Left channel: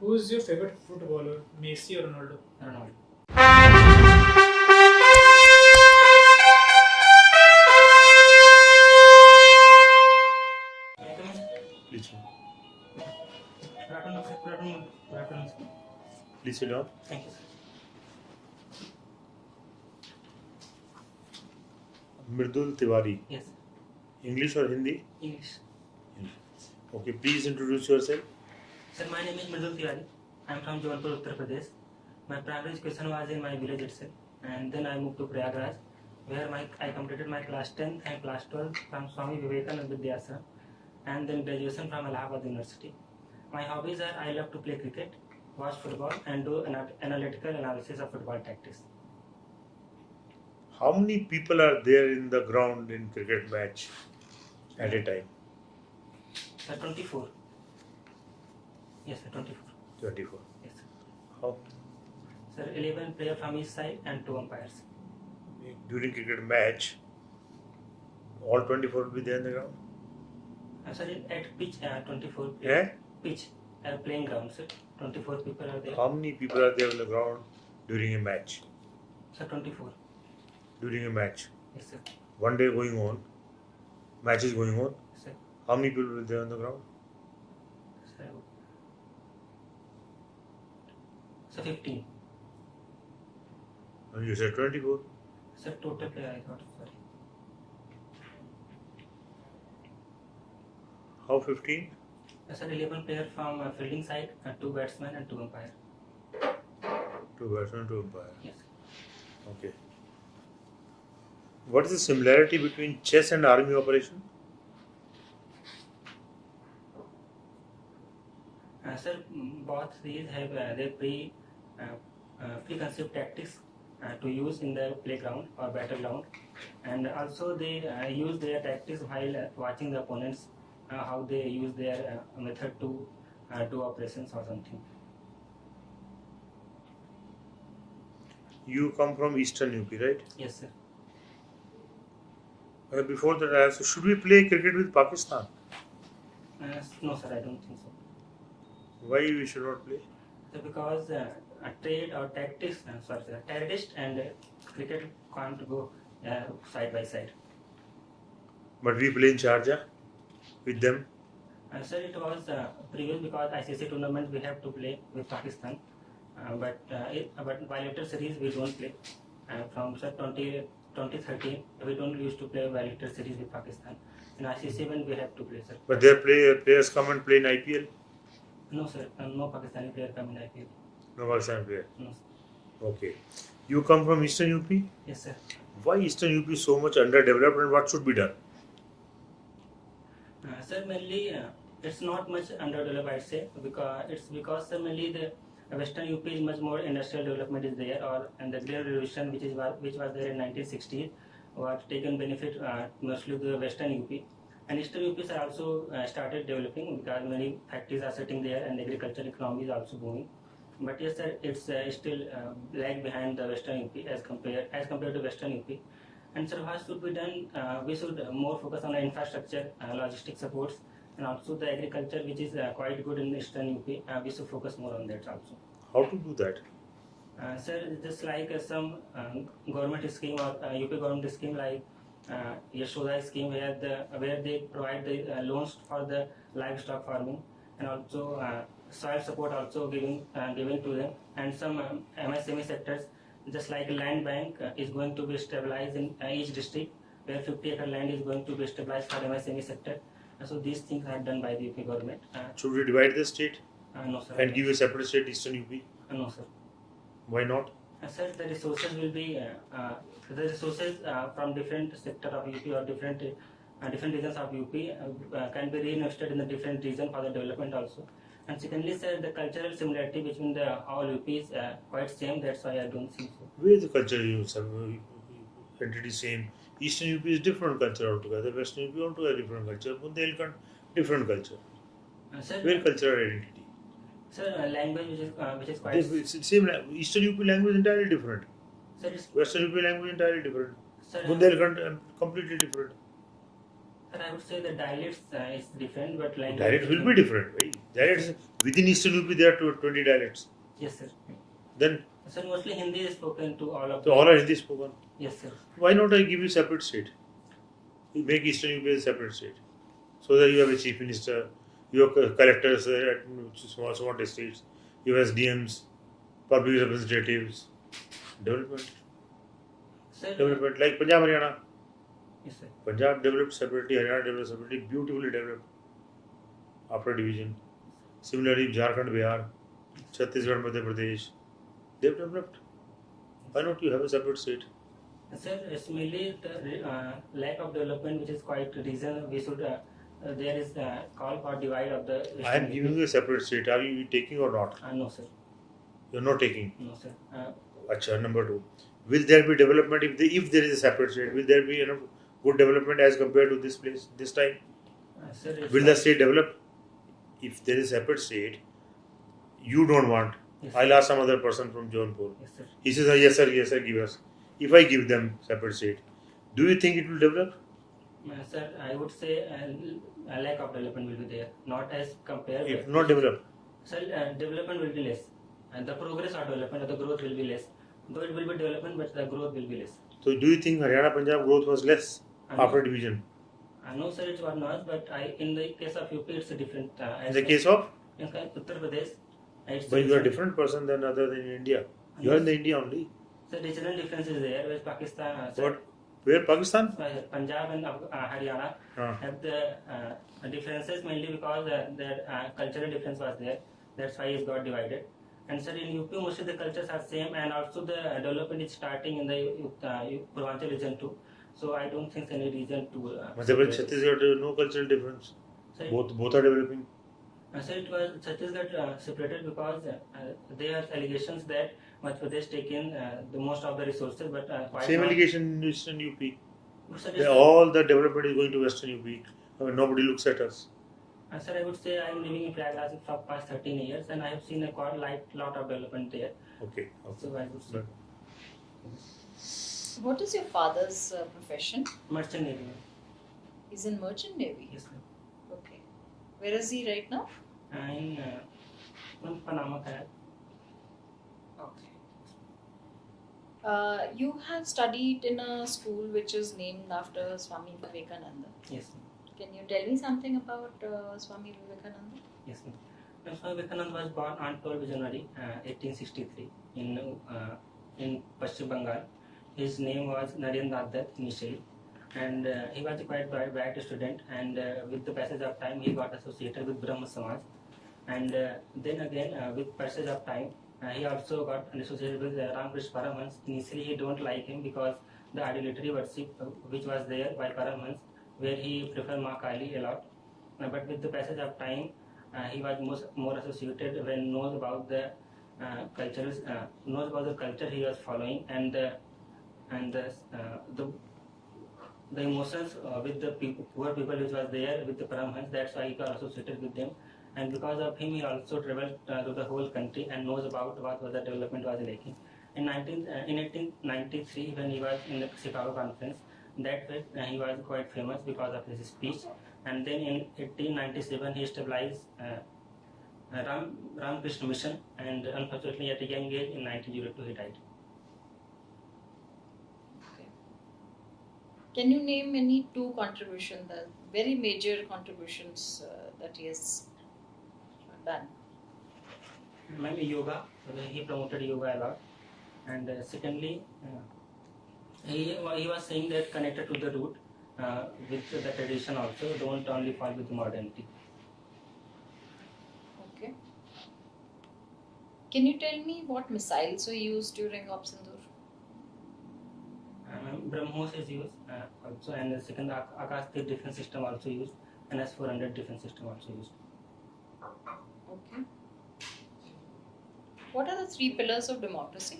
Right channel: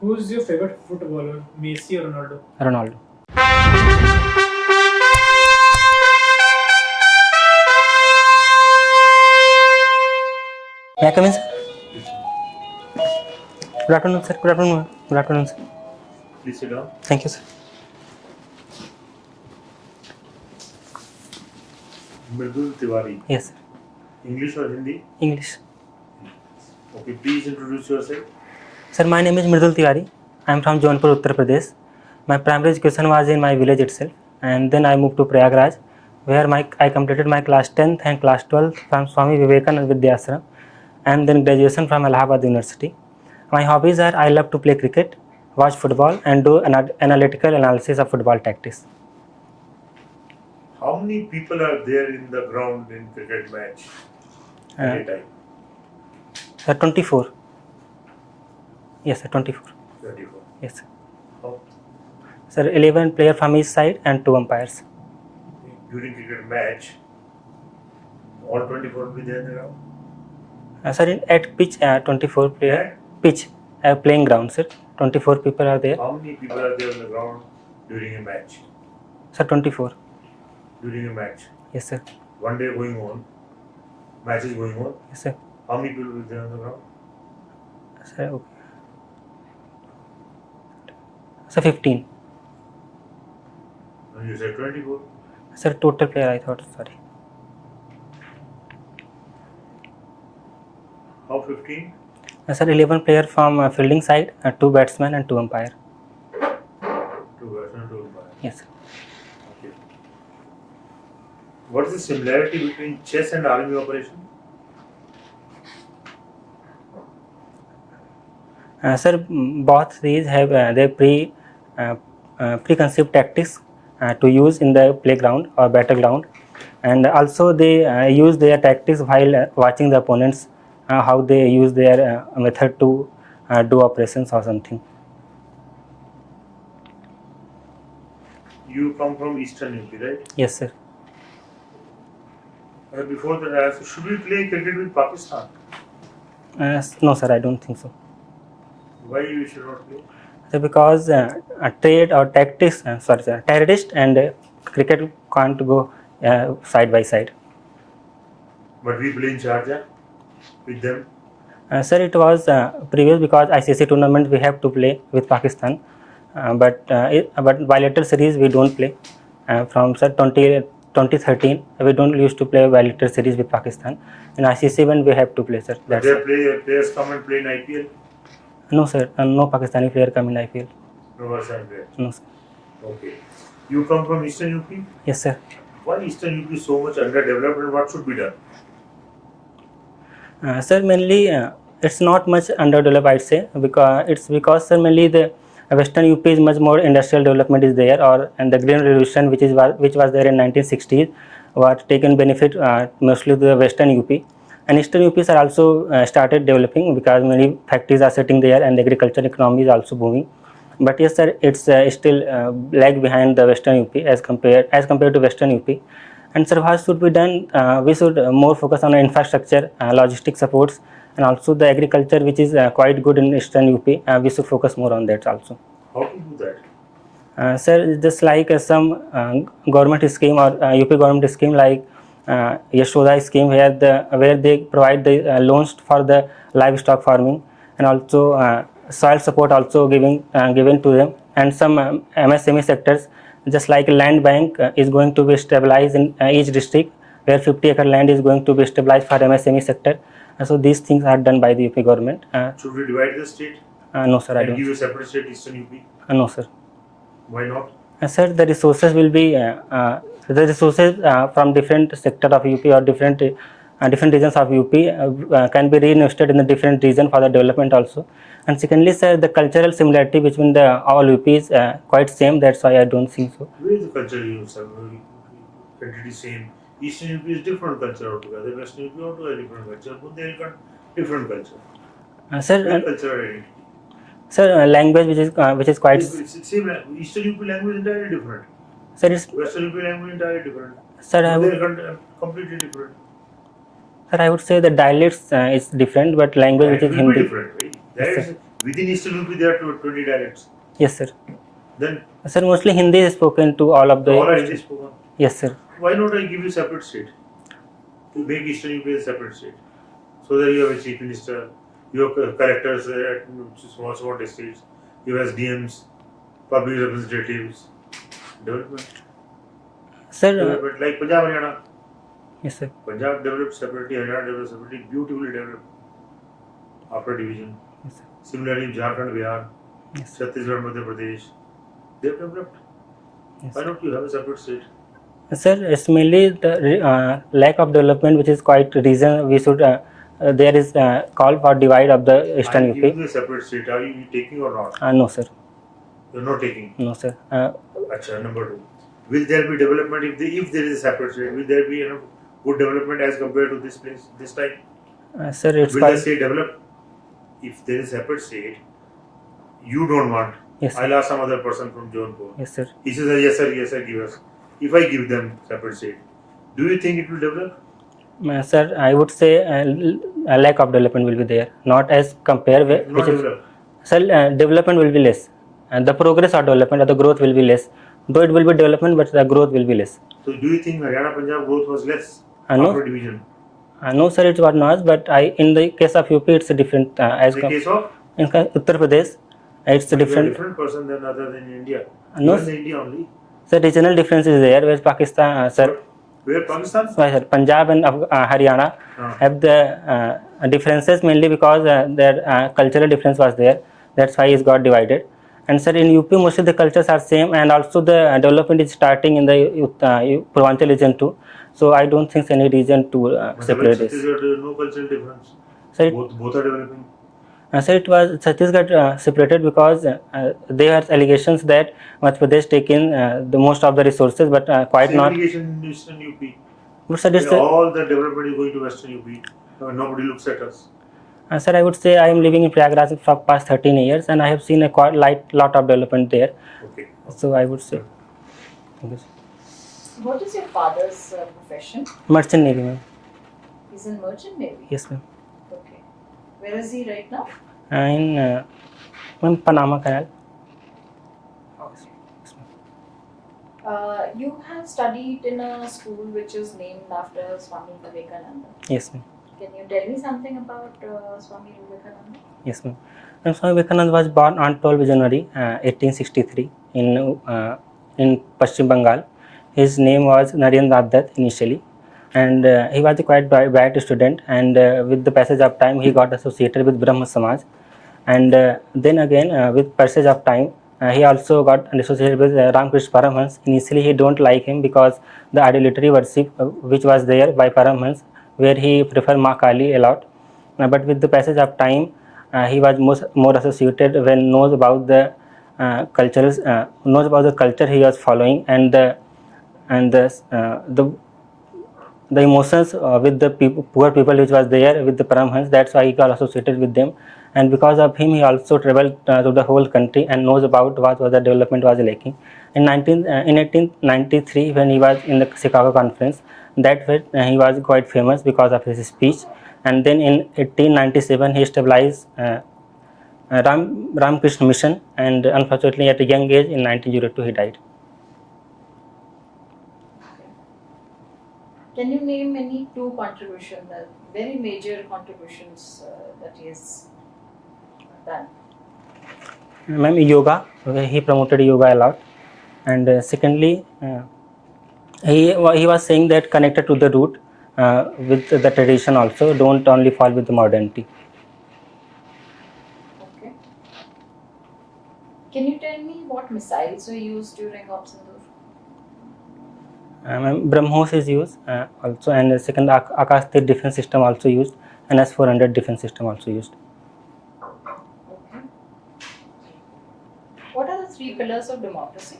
Who is your favorite footballer, Messi or Ronaldo? Ronaldo. May I come in, sir? Good afternoon, sir. Good afternoon. Good afternoon, sir. Please sit down. Thank you, sir. Mridul Tiwari. Yes, sir. English or Hindi? English. Okay, please introduce yourself. Sir, my name is Mridul Tiwari. I am from Jaunpur, Uttar Pradesh. My primary education was in my village itself, and then I moved to Prayagraj, where I completed my class 10th and class 12th from Swami Vivekananda Vidyashram, and then graduation from Allahabad University. My hobbies are I love to play cricket, watch football, and do analytical analysis of football tactics. How many people are there in the ground in cricket match at a time? Sir, 24. Yes, sir, 24. 24. Yes, sir. How? Sir, 11 players from each side and 2 umpires. During cricket match, all 24 will be there in the ground? Sir, at pitch, 24 player. Yeah? Pitch, playing ground, sir. 24 people are there. How many people are there on the ground during a match? Sir, 24. During a match? Yes, sir. One day going on, match is going on. Yes, sir. How many people will be there on the ground? Sir, okay. Sir, 15. You said 24. Sir, total player, I thought, sorry. How 15? Sir, 11 player from fielding side, 2 batsmen and 2 umpire. 2 batsmen, 2 umpire. Yes, sir. Okay. What is the similarity between chess and army operation? Sir, both these have their preconceived tactics to use in the playground or battleground, and also they use their tactics while watching the opponents, how they use their method to do operations or something. You come from Eastern UP, right? Yes, sir. Before that, I asked, should we play cricket with Pakistan? No, sir, I don't think so. Why we should not play? So because trade or tactics, sorry, sir, terrorist and cricket can't go side by side. But we play in Sharjah with them. Sir, it was previous because ICC tournament we have to play with Pakistan, but bilateral series we don't play. From sir 2013 we don't used to play bilateral series with Pakistan. In ICC when we have to play, sir. But That's their players come and play in IPL? No, sir. No Pakistani player come in IPL. No Pakistani player? No, sir. Okay. You come from Eastern UP? Yes, sir. Why Eastern UP is so much underdeveloped and what should be done? Sir, mainly it's not much underdeveloped, I'd say, because sir, mainly the Western UP is much more industrial development is there, and the Green Revolution which was there in 1960s was taken benefit mostly to the Western UP, and Eastern UPs are also started developing because many factories are sitting there and the agriculture economy is also booming. But yes, sir, it's still lag behind the Western UP as compared to Western UP. And sir, what should be done? We should more focus on infrastructure, logistic supports, and also the agriculture, which is quite good in Eastern UP. We should focus more on that also. How to do that? Sir, just like some government scheme or UP government scheme like Yashoda scheme, where they provide the loans for the livestock farming, and also soil support also given to them, and some MSME sectors, just like land bank is going to be stabilized in each district, where 50-acre land is going to be stabilized for MSME sector. So these things are done by the UP government. Should we divide the state? No, sir, I And don't. give a separate state Eastern UP? No, sir. Why not? Sir, the resources will be from different sector of UP or different regions of UP can be reinvested in the different region for the development also. And secondly, sir, the cultural similarity between the all UP is quite same. That's why I don't think so. Where is the culture you have? Entity same. Eastern UP is different culture altogether. Western UP also a different culture. But they got different culture. Sir, Cultural identity. Sir, language which is quite. It's same. Eastern UP language entirely different. Sir, it's. Western UP language entirely different. Sir, They are completely different. Sir, I would say the dialects is different, but language which is will be Hindi. different. Right? That is Within Eastern UP, there are 20 dialects. Yes, sir. Then Sir, mostly Hindi is spoken to all of the. all are Hindi spoken. Yes, sir. Why not I give you separate state? To make Eastern UP a separate state, so that you have a chief minister, you have collectors at small districts, you have SDMs, public representatives, development. Sir. Development like Punjab, Haryana. Yes, sir. Punjab developed separately, Haryana developed separately, beautifully developed after division. Yes, sir. Similarly, Jharkhand, Bihar, Yes, sir. Chhattisgarh, Madhya Pradesh, they have developed. Yes. Why not you have a separate state? Sir, it's mainly the lack of development, which is quite reason we should. There is call for divide of the I Eastern am giving UP. you a separate state. Are you taking or not? No, sir. You are not taking. No, sir. Acha, number 2. Will there be development if there is a separate state? Will there be enough good development as compared to this place this time? Sir, it's Will the quite. state develop? If there is a separate state, you don't want. Yes, sir. I'll ask some other person from Jaunpur. Yes, sir. He says, yes sir, give us. If I give them separate state, do you think it will develop? Sir, I would say a lack of development will be there, not as compare with. Not develop. Sir, development will be less, and the progress or development or the growth will be less. Though it will be development, but the growth will be less. So do you think Haryana Punjab growth was less No. after division? No, sir, it was not. But in the case of UP, it's a different. In the case of In Uttar Pradesh, it's a you are a different. different person than other than India. No, You are in the India only. sir, regional difference is there. Whereas Pakistan, sir, Where Pakistan? why, sir, Punjab and Haryana have the differences mainly because their cultural difference was there. That's why it got divided. And sir, in UP, mostly the cultures are same, and also the development is starting in the Purvanchal region too. So I don't think any reason to separate this. There is no cultural difference. Sir, Both are developing. sir, it was Chhattisgarh separated because there are allegations that Madhya Pradesh taken the most of the resources, but quite Same not. allegation in Eastern UP. But sir, it's, All the development is going to Western UP. Nobody looks at us. sir, I would say I am living in Prayagraj for past 13 years, and I have seen a quite lot of development there. Okay. So I would say. What is your father's profession? Merchant Navy, ma'am. He's in Merchant Navy. Yes, ma'am. Okay. Where is he right now? In ma'am, Panama Canal. You have studied in a school which is named after Swami Vivekananda. Yes, ma'am. Can you tell me something about Swami Vivekananda? Yes, ma'am. Swami Vivekananda was born on 12 January 1863 in Paschim Bengal. His name was Narendra Dutt initially, and he was a quite bright student. And with the passage of time, he got associated with Brahma Samaj. And then again, with passage of time, he also got associated with Ramakrishna Paramhans. Initially, he don't like him because the idolatry worship which was there by Paramhans, where he preferred Ma Kali a lot. But with the passage of time, he was more associated when knows about the culture he was following, and the emotions with the poor people which was there with the Paramhans. That's why he got associated with them. And because of him, he also traveled to the whole country and knows about what was the development was lacking. In 1893, when he was in the Chicago conference, that way he was quite famous because of his speech. And then in 1897, he established Ramakrishna Mission, and unfortunately at a young age in 1902 he died. Can you name any two contributions, the very major contributions that he has done? Ma'am, yoga. Okay, he promoted yoga a lot. And secondly, he was saying that connected to the root with the tradition also. Don't only fall with the modernity. Okay. Can you tell me what missiles were used during Operation Sindoor? BrahMos is used also, and second Akash Tir defense system also used, and S-400 defense system also used. Okay. What are the three pillars of democracy?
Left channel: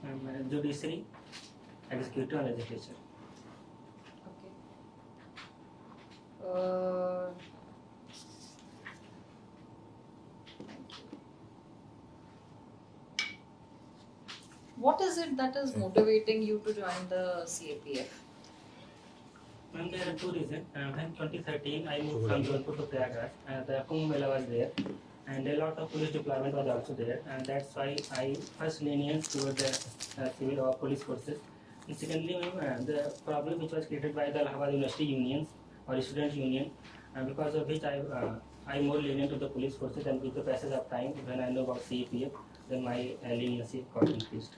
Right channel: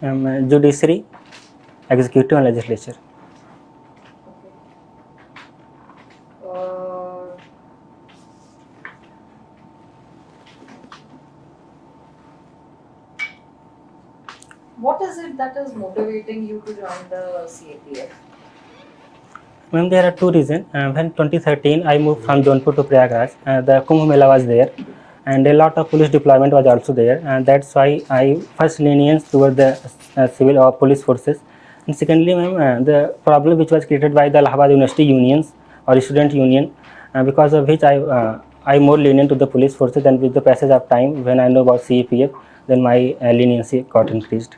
Judiciary, executive, and legislature. Okay. What is it that is motivating you to join the CAPF? Ma'am, there are two reasons. When 2013 I moved from Jaunpur to Prayagraj, the Kumbh Mela was there, and a lot of police deployment was also there, and that's why I first lenience toward the civil or police forces. And secondly, ma'am, the problem which was created by the Allahabad University unions or student union, because of which I more lenient to the police forces, and with the passage of time, when I know about CAPF, then my leniency got increased.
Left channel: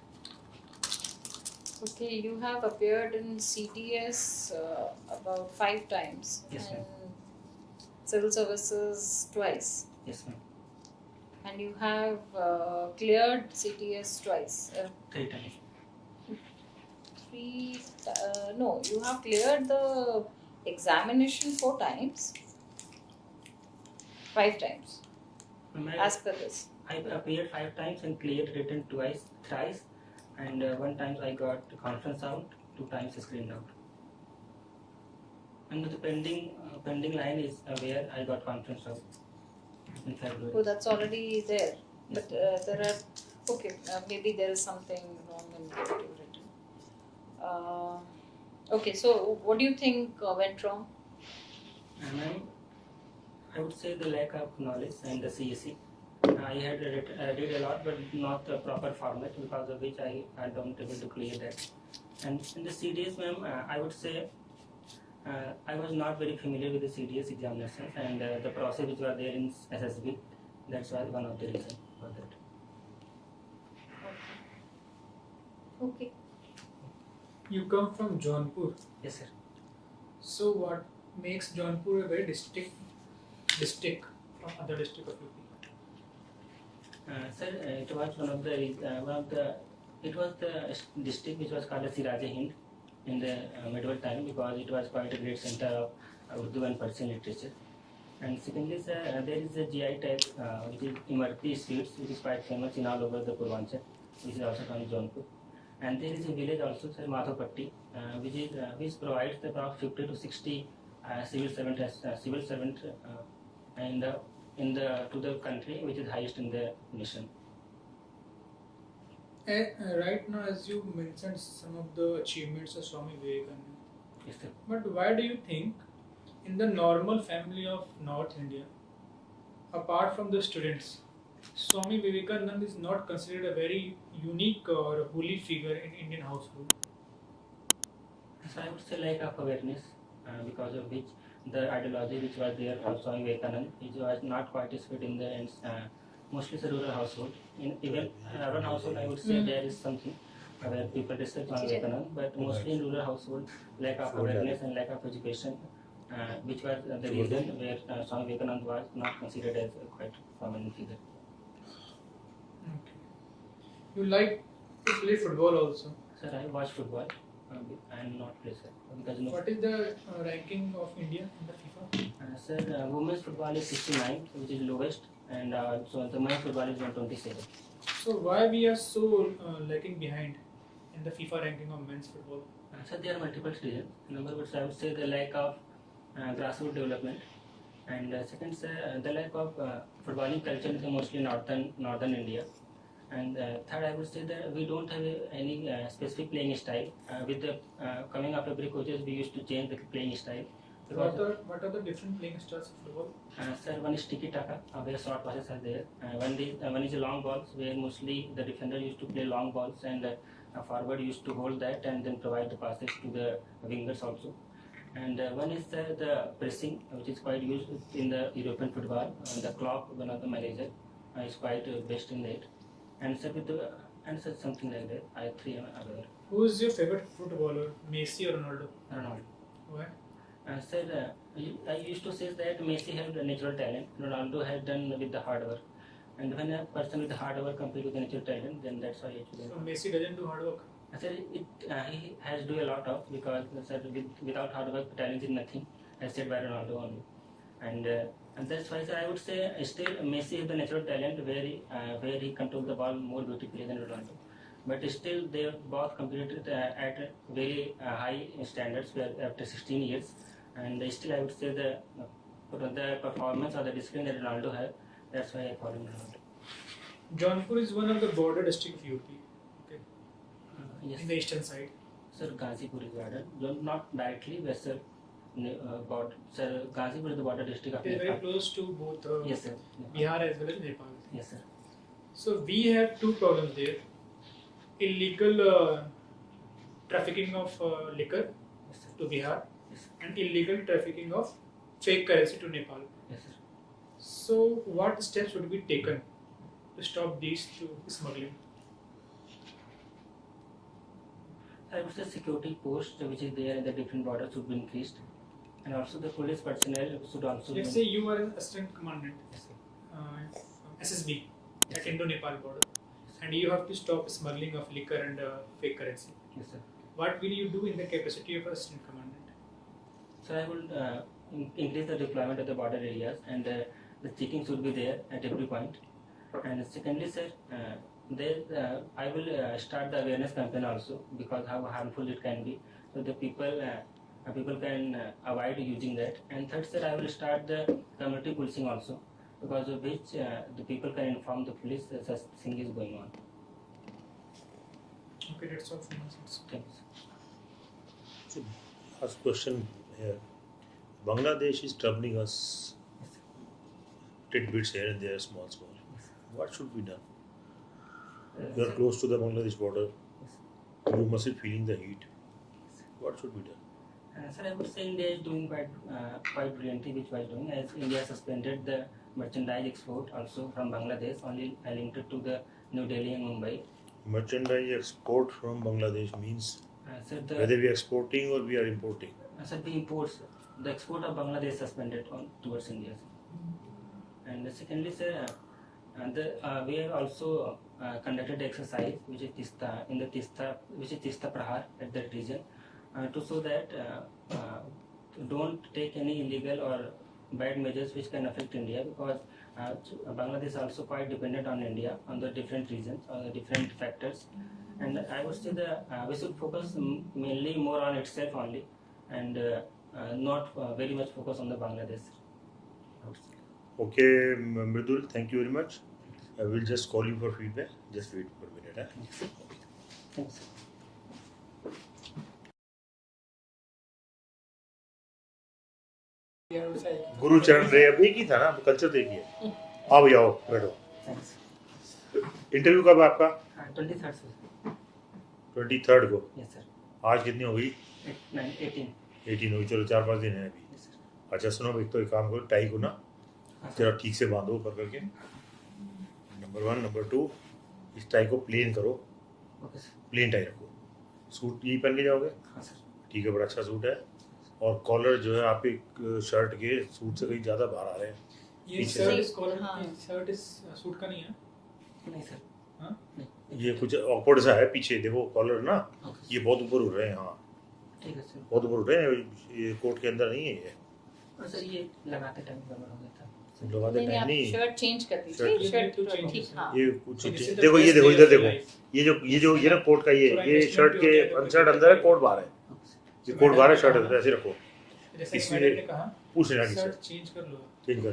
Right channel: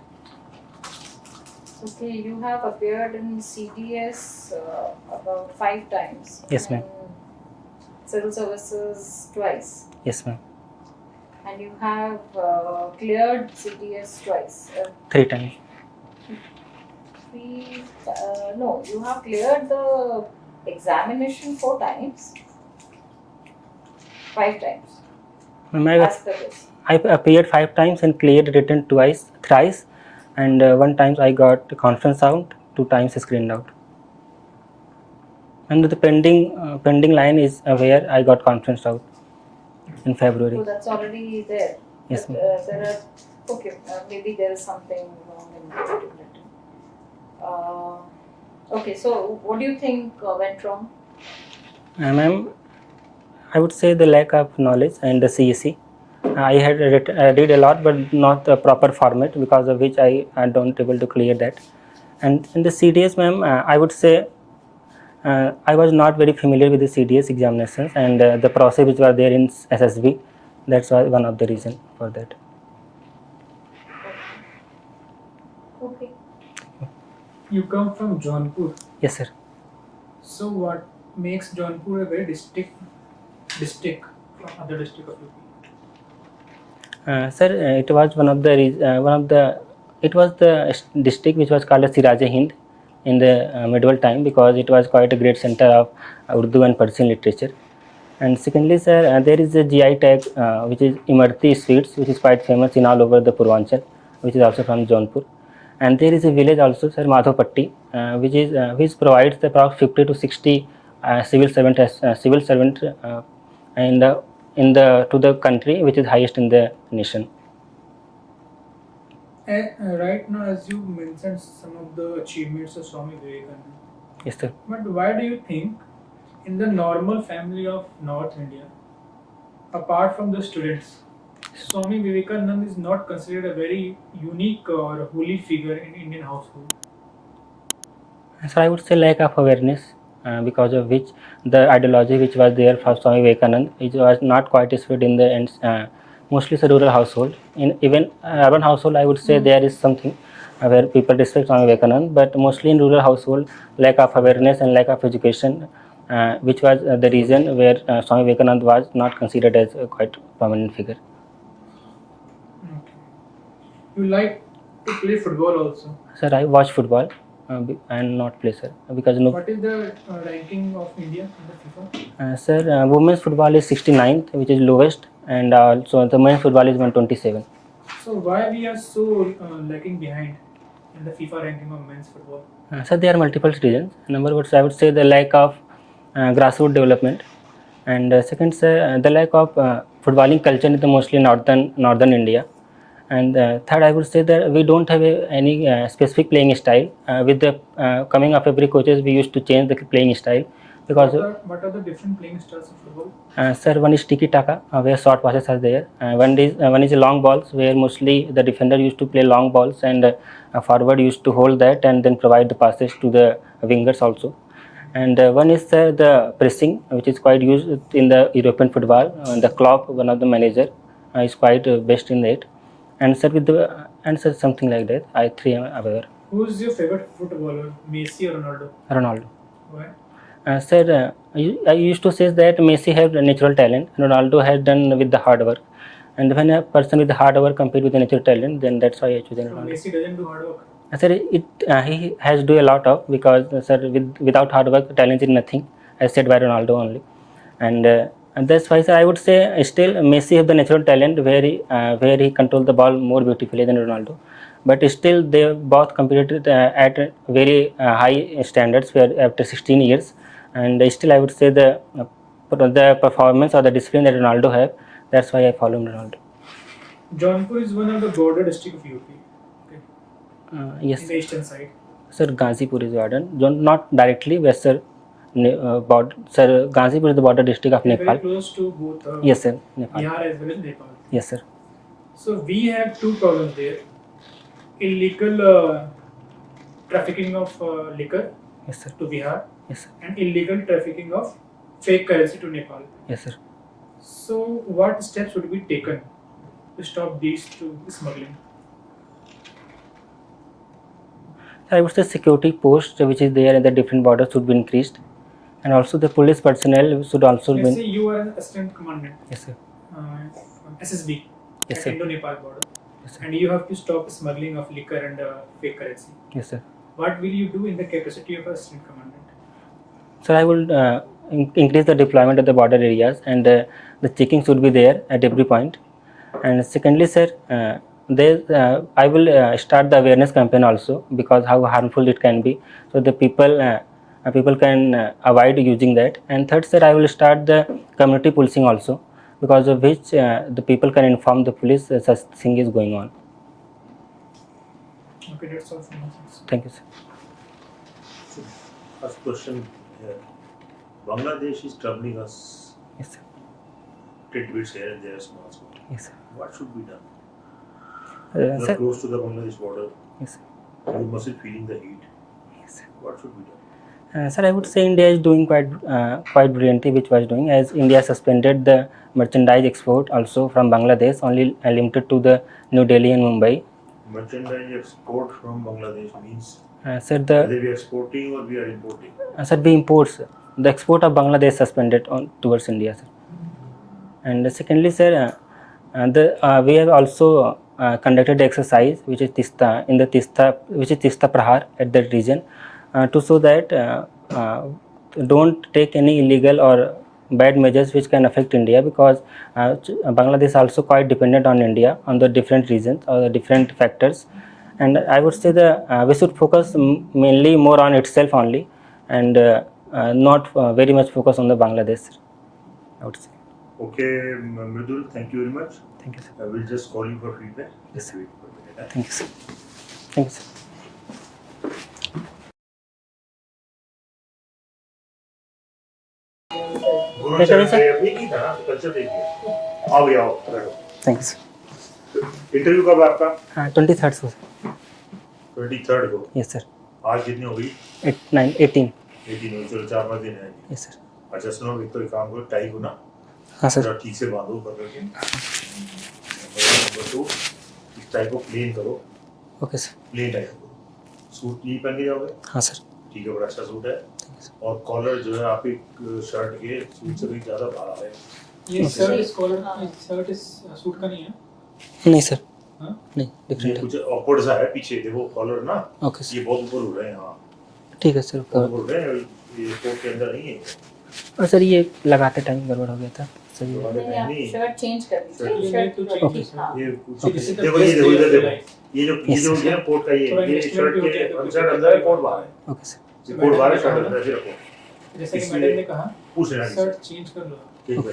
Okay, you have appeared in CDS about 5 times. Yes, ma'am. and Civil services twice. Yes, ma'am. And you have cleared CDS twice. 3 times. No, you have cleared the examination 4 times. 5 times. Ma'am, As per this. I appeared 5 times and cleared written thrice, and 1 time I got conference out, 2 times screened out. And the pending line is where I got conference out in February. So that's already there. Yes, But, ma'am. there are maybe there is something wrong in the written. Okay, so what do you think went wrong? Ma'am, I would say the lack of knowledge and the CEC. I had read a lot, but not the proper format, because of which I don't able to clear that. And in the CDS, ma'am, I would say I was not very familiar with the CDS examinations and the process which was there in SSB. That's why one of the reason for that. Okay. You come from Jaunpur. Yes, sir. So what makes Jaunpur a very distinct from other district of UP? Sir, it was it was the district which was called as Siraj-e-Hind in the medieval time, because it was quite a great center of Urdu and Persian literature. And secondly, sir, there is a GI tag which is Imarti sweets, which is quite famous in all over the Purvanchal, which is also from Jaunpur. And there is a village also, sir, Madhopatti, which provides about 50 to 60 civil servant in the to the country, which is highest in the nation. Right now, as you mentioned some of the achievements of Swami Vivekananda, Yes, sir. but why do you think in the normal family of North India, apart from the students, Swami Vivekananda is not considered a very unique or holy figure in Indian household? So I would say lack of awareness, because of which the ideology which was there for Swami Vivekananda, it was not quite spread in the mostly it's a rural household. In even urban household, I would say there is something where people respect Swami Vivekananda, but mostly in rural household, lack of awareness and lack of education, which was the reason where Swami Vivekananda was not considered as a quite prominent figure. Okay. You like to play football also. Sir, I watch football and not play, sir, because no. What is the ranking of India in the FIFA? Sir, women's football is 69th, which is lowest, and also the men's football is 127. So why we are so lagging behind in the FIFA ranking of men's football? Sir, there are multiple reasons. Number one, I would say the lack of grassroots development, and second, sir, the lack of footballing culture in the mostly northern India. And third, I would say that we don't have any specific playing style. With the coming of every coaches, we used to change the playing style, because What are the different playing styles of football? sir, one is tiki taka, where short passes are there. One is long balls, where mostly the defender used to play long balls, and forward used to hold that and then provide the passes to the wingers also. And one is the pressing, which is quite used in the European football. The Klopp, one of the manager, is quite best in that. And sir, something like that. I am aware. Who is your favorite footballer, Messi or Ronaldo? Ronaldo. Why? Sir, I used to say that Messi had natural talent. Ronaldo had done with the hard work. And when a person with the hard work compete with the natural talent, then that's why I choose So Ronaldo. Messi doesn't do hard work. Sir, he has do a lot of, because sir, without hard work, talent is nothing, as said by Ronaldo only. And that's why, sir, I would say still Messi have the natural talent where he control the ball more beautifully than Ronaldo. But still, they both competed at very high standards where after 16 years. And still, I would say the performance or the discipline that Ronaldo have. That's why I follow Ronaldo. Jaunpur is one of the border district of UP. Okay. Yes, In the eastern side. sir. Ghazipur is Warden. Not directly, but sir, Sir, Gazipur is the border district of They're very Nepal. close to both Yes, sir. Nepal. Bihar as well as Nepal. Yes, sir. So we have two problems there: illegal trafficking of liquor Yes, sir. to Bihar, Yes, sir. and illegal trafficking of fake currency to Nepal. Yes, sir. So, what steps would be taken to stop these two smuggling? I would say security posts which is there in the different borders should be increased, and also the police personnel should also Let's be. say you are an assistant commandant, Yes, sir. from SSB Yes, at sir. Indo-Nepal border, Yes, sir. and you have to stop smuggling of liquor and fake currency. Yes, sir. What will you do in the capacity of assistant commandant? So I will increase the deployment of the border areas, and the checking should be there at every point. And secondly, sir, I will start the awareness campaign also, because how harmful it can be, so the people can avoid using that. And third, sir, I will start the community policing also, because of which the people can inform the police that such thing is going on. Okay, that's all from my side. Thank you, sir. First question here. Bangladesh is troubling us Yes, sir. tidbits here and there, small. Yes, sir. What should be done? You are Sir. close to the Bangladesh border. Yes, sir. You must be feeling the heat. Yes, sir. What should be done? Sir, I would say India is doing quite brilliantly, which was doing, as India suspended the merchandise export also from Bangladesh, only limited to the New Delhi and Mumbai. Merchandise export from Bangladesh means Sir, whether we are exporting or we are importing. sir, we imports the export of Bangladesh suspended on towards India, sir. And secondly, sir, we have also conducted exercise which is Tista Prahar at that region, to show that don't take any illegal or bad measures which can affect India, because Bangladesh is also quite dependent on India on the different reasons or the different factors. And I would say that we should focus mainly more on itself only, and not very much focus on the Bangladesh, sir, I would say. Okay, Mridul, thank you very much. Thank you, sir. I will just call you for feedback. Just wait for a minute. Thank you, sir. Thank you, sir. गुरु चरण देव एक ही था ना, culture देखिए। आओ भैया आओ, बैठो। Thank you, sir. Interview कब है आपका? 23rd, sir. 23rd को। Yes, sir. आज कितनी होगी? 18. 18 होगी, चलो 4-5 दिन है अभी। Yes, sir. अच्छा सुनो, एक तो एक काम करो, टाई को ना हाँ, सर. जरा ठीक से बांधो ऊपर करके। नंबर 2, इस टाई को प्लेन करो, Okay, sir. प्लेन टाई करो। सूट यही पहन के जाओगे? हाँ, सर. ठीक है, बड़ा अच्छा सूट है। और कॉलर जो है आपकी शर्ट के सूट से कहीं ज़्यादा बाहर आ रहा है। ये Okay. शर्ट इस कॉलर, ये शर्ट इस सूट का नहीं है। नहीं, सर. हाँ? नहीं, ये different है. कुछ awkward सा है पीछे, देखो कॉलर ना, Okay, sir. ये बहुत ऊपर उड़ रहे हैं। हाँ, ठीक है, सर. बहुत ऊपर उड़ रहे हैं, ये कोट के अंदर नहीं है। और सर, ये लगाते टाइम गड़बड़ हो गया था. सही है. लगाते नहीं, टाइम आप नहीं। शर्ट चेंज कर शर्ट दीजिए, शर्ट तो ठीक, change हाँ। ये कुछ Okay. देखो, ये देखो, इधर देखो, ये जो Yes, ये ना कोट का थोड़ा ये investment शर्ट भी के हो जाए तो शर्ट अंदर है, कोट बाहर है। Okay, sir. ये कोट बाहर है, शर्ट अंदर है, ऐसे रखो। जैसे कि इसलिए मैडम ने कहा, पूछ लेना किसी से। शर्ट चेंज कर लो। ठीक है,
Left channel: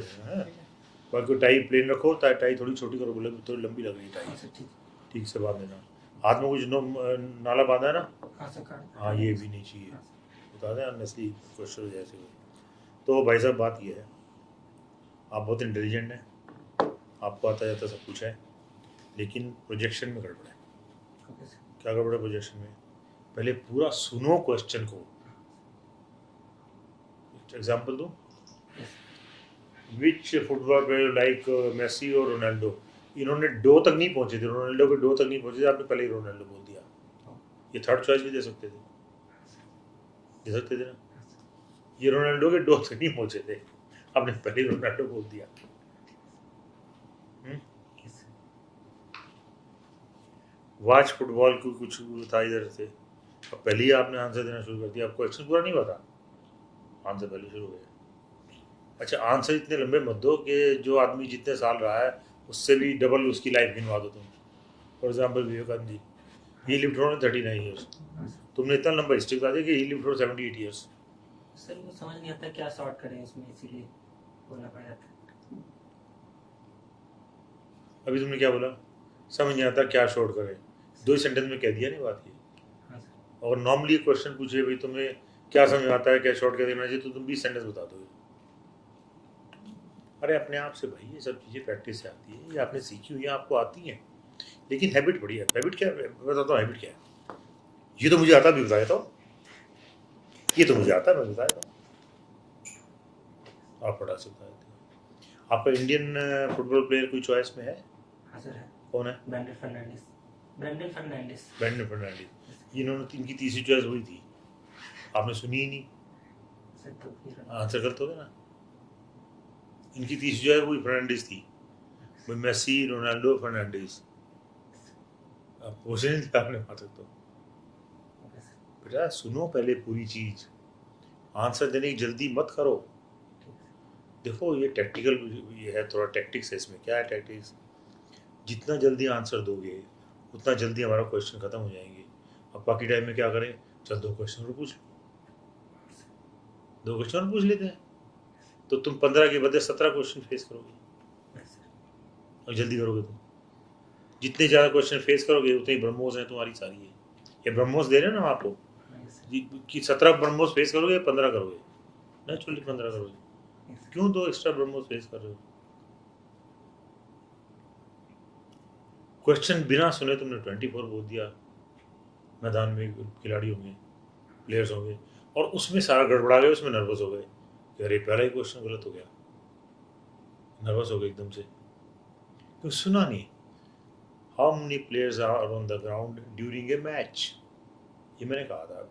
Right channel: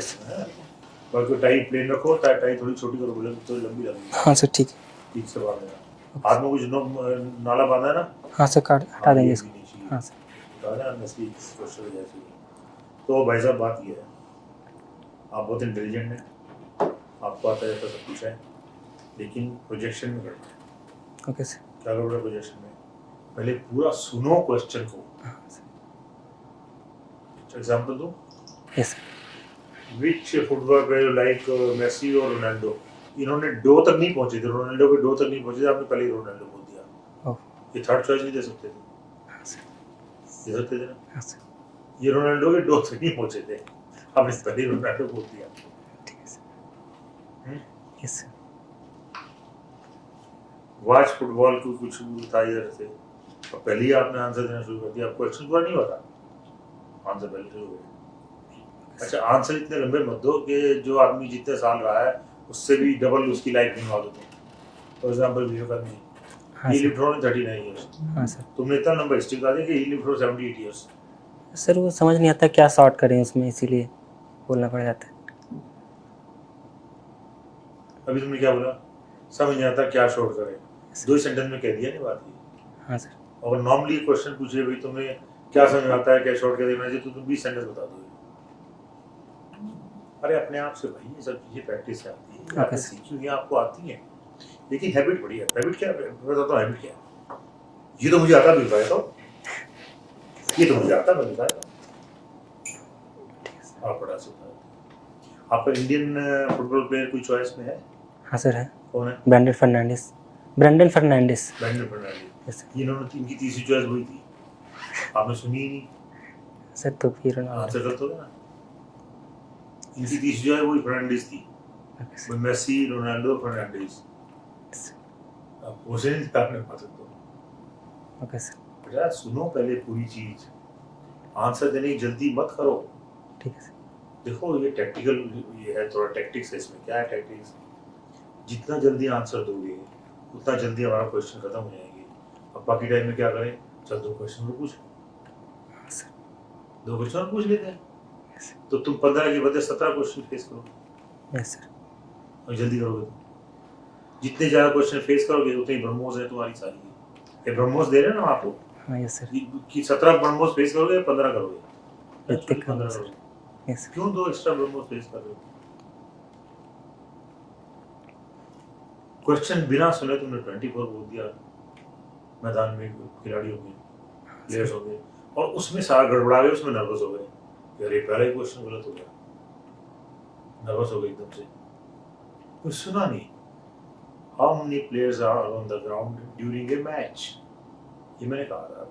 बाकी टाई प्लेन रखो, टाई थोड़ी छोटी करो, बोले तो लंबी लगेगी। हाँ, सर. ठीक है. ठीक से बांध देना। हाथ में कुछ नाला बांधा है ना? हाँ, सर. हटा हाँ, देंगे ये इसको. भी नहीं चाहिए। हाँ, सर. बता दें, नस्ली क्वेश्चन जैसे। तो भाई साहब, बात ये है, आप बहुत इंटेलिजेंट हैं, आपको आता जाता सब कुछ है, लेकिन प्रोजेक्शन में गड़बड़ है। Okay, sir. क्या गड़बड़ है प्रोजेक्शन में? पहले पूरा सुनो क्वेश्चन को। हाँ, sir. एग्जांपल दो। Yes, sir. विच फुटबॉल प्लेयर लाइक मेसी और रोनाल्डो? इन्होंने डो तक नहीं पहुंचे थे, रोनाल्डो के डो तक नहीं पहुंचे थे, आपने पहले ही रोनाल्डो बोल दिया। Oh. ये थर्ड चॉइस नहीं दे सकते थे? हाँ, sir. दे सकते थे ना? हाँ, sir. ये रोनाल्डो के डो तक नहीं पहुंचे थे, आपने पहले ही रोनाल्डो बोल दिया। ठीक है, sir. हम्म? Yes, sir. वाच फुटबॉल को कुछ था इधर से, अब पहले ही आपने आंसर देना शुरू कर दिया, आपको क्वेश्चन पूरा नहीं हुआ था, आंसर पहले शुरू हो गया। अच्छा, आंसर इतने लंबे मत दो कि जो आदमी जितने साल रहा है उससे भी डबल उसकी लाइफ गिनवा दो तुम। फॉर एग्जांपल विवेकानंद जी, हाँ, ही sir. लिव्ड फॉर 39 इयर्स, हाँ, सर. तुमने इतना लंबा हिस्ट्री बता दिया कि ही लिव्ड फॉर 78 इयर्स। सर, वो समझ नहीं आता क्या शॉर्ट करें उसमें, इसीलिए बोलना पड़ जाता है. अभी तुमने क्या बोला? समझ नहीं आता क्या शॉर्ट करें, 2 सेंटेंस में कह दिया नहीं बात ये। हाँ, सर. और नॉर्मली क्वेश्चन पूछे भाई तुम्हें क्या समझ आता है, क्या शॉर्ट क्या देना चाहिए, तो तुम 20 सेंटेंस बता दोगे। अरे अपने आप से भाई ये सब चीजें प्रैक्टिस से आती है, ये आपने सीखी हुई है, आपको आती है, लेकिन हैबिट बड़ी है। हैबिट क्या है, मैं बताता हूँ हैबिट क्या है। ये तो मुझे आता, भी बताया था, ये तो मुझे आता, मैं बताया था, आप पढ़ा सकते हैं। आपका इंडियन फुटबॉल प्लेयर कोई चॉइस में है? हाँ सर है, कौन है? ब्रैंडन फर्नांडिस। ब्रैंडन फर्नांडिस। ब्रैंडन फर्नांडिस। Yes, sir. इन्होंने, इनकी तीसरी चॉइस वही थी, आपने सुनी ही नहीं। सर तो फिर आंसर करते हो ना, इनकी तीसरी चॉइस वही फर्नांडिस थी, वो मेसी, रोनाल्डो, फर्नांडिस। आप पूछे नहीं थे आपने बात तो। ओके सर, बेटा सुनो पहले पूरी चीज, आंसर देने की जल्दी मत करो। ठीक है सर। देखो ये टैक्टिकल, ये है थोड़ा टैक्टिक्स है इसमें। क्या है टैक्टिक्स? जितना जल्दी आंसर दोगे उतना जल्दी हमारा क्वेश्चन खत्म हो जाएंगे। अब बाकी टाइम में क्या करें, चल 2 क्वेश्चन और पूछ लो, सर 2 क्वेश्चन और पूछ लेते हैं, यस तो तुम 15 के बदले 17 क्वेश्चन फेस करोगे यस सर। और जल्दी करोगे तुम। जितने ज्यादा क्वेश्चन फेस करोगे उतनी ब्रह्मोस है तुम्हारी सारी। ये ब्रह्मोस दे रहे हैं ना आपको हाँ यस सर। कि 17 ब्रह्मोस फेस करोगे, 15 करोगे, प्रत्येक 15 सर। करोगे। Yes sir. क्यों 2 एक्स्ट्रा ब्रह्मोस फेस कर रहे हो? क्वेश्चन बिना सुने तुमने 24 बोल दिया, मैदान में खिलाड़ी होंगे, प्लेयर्स होंगे, और उसमें सारा गड़बड़ा गया, उसमें नर्वस हो गए, अरे पहला ही क्वेश्चन गलत हो गया, नर्वस हो गए एकदम से, तो सुना नहीं। How many players are on the ground during a match? ये मैंने कहा था,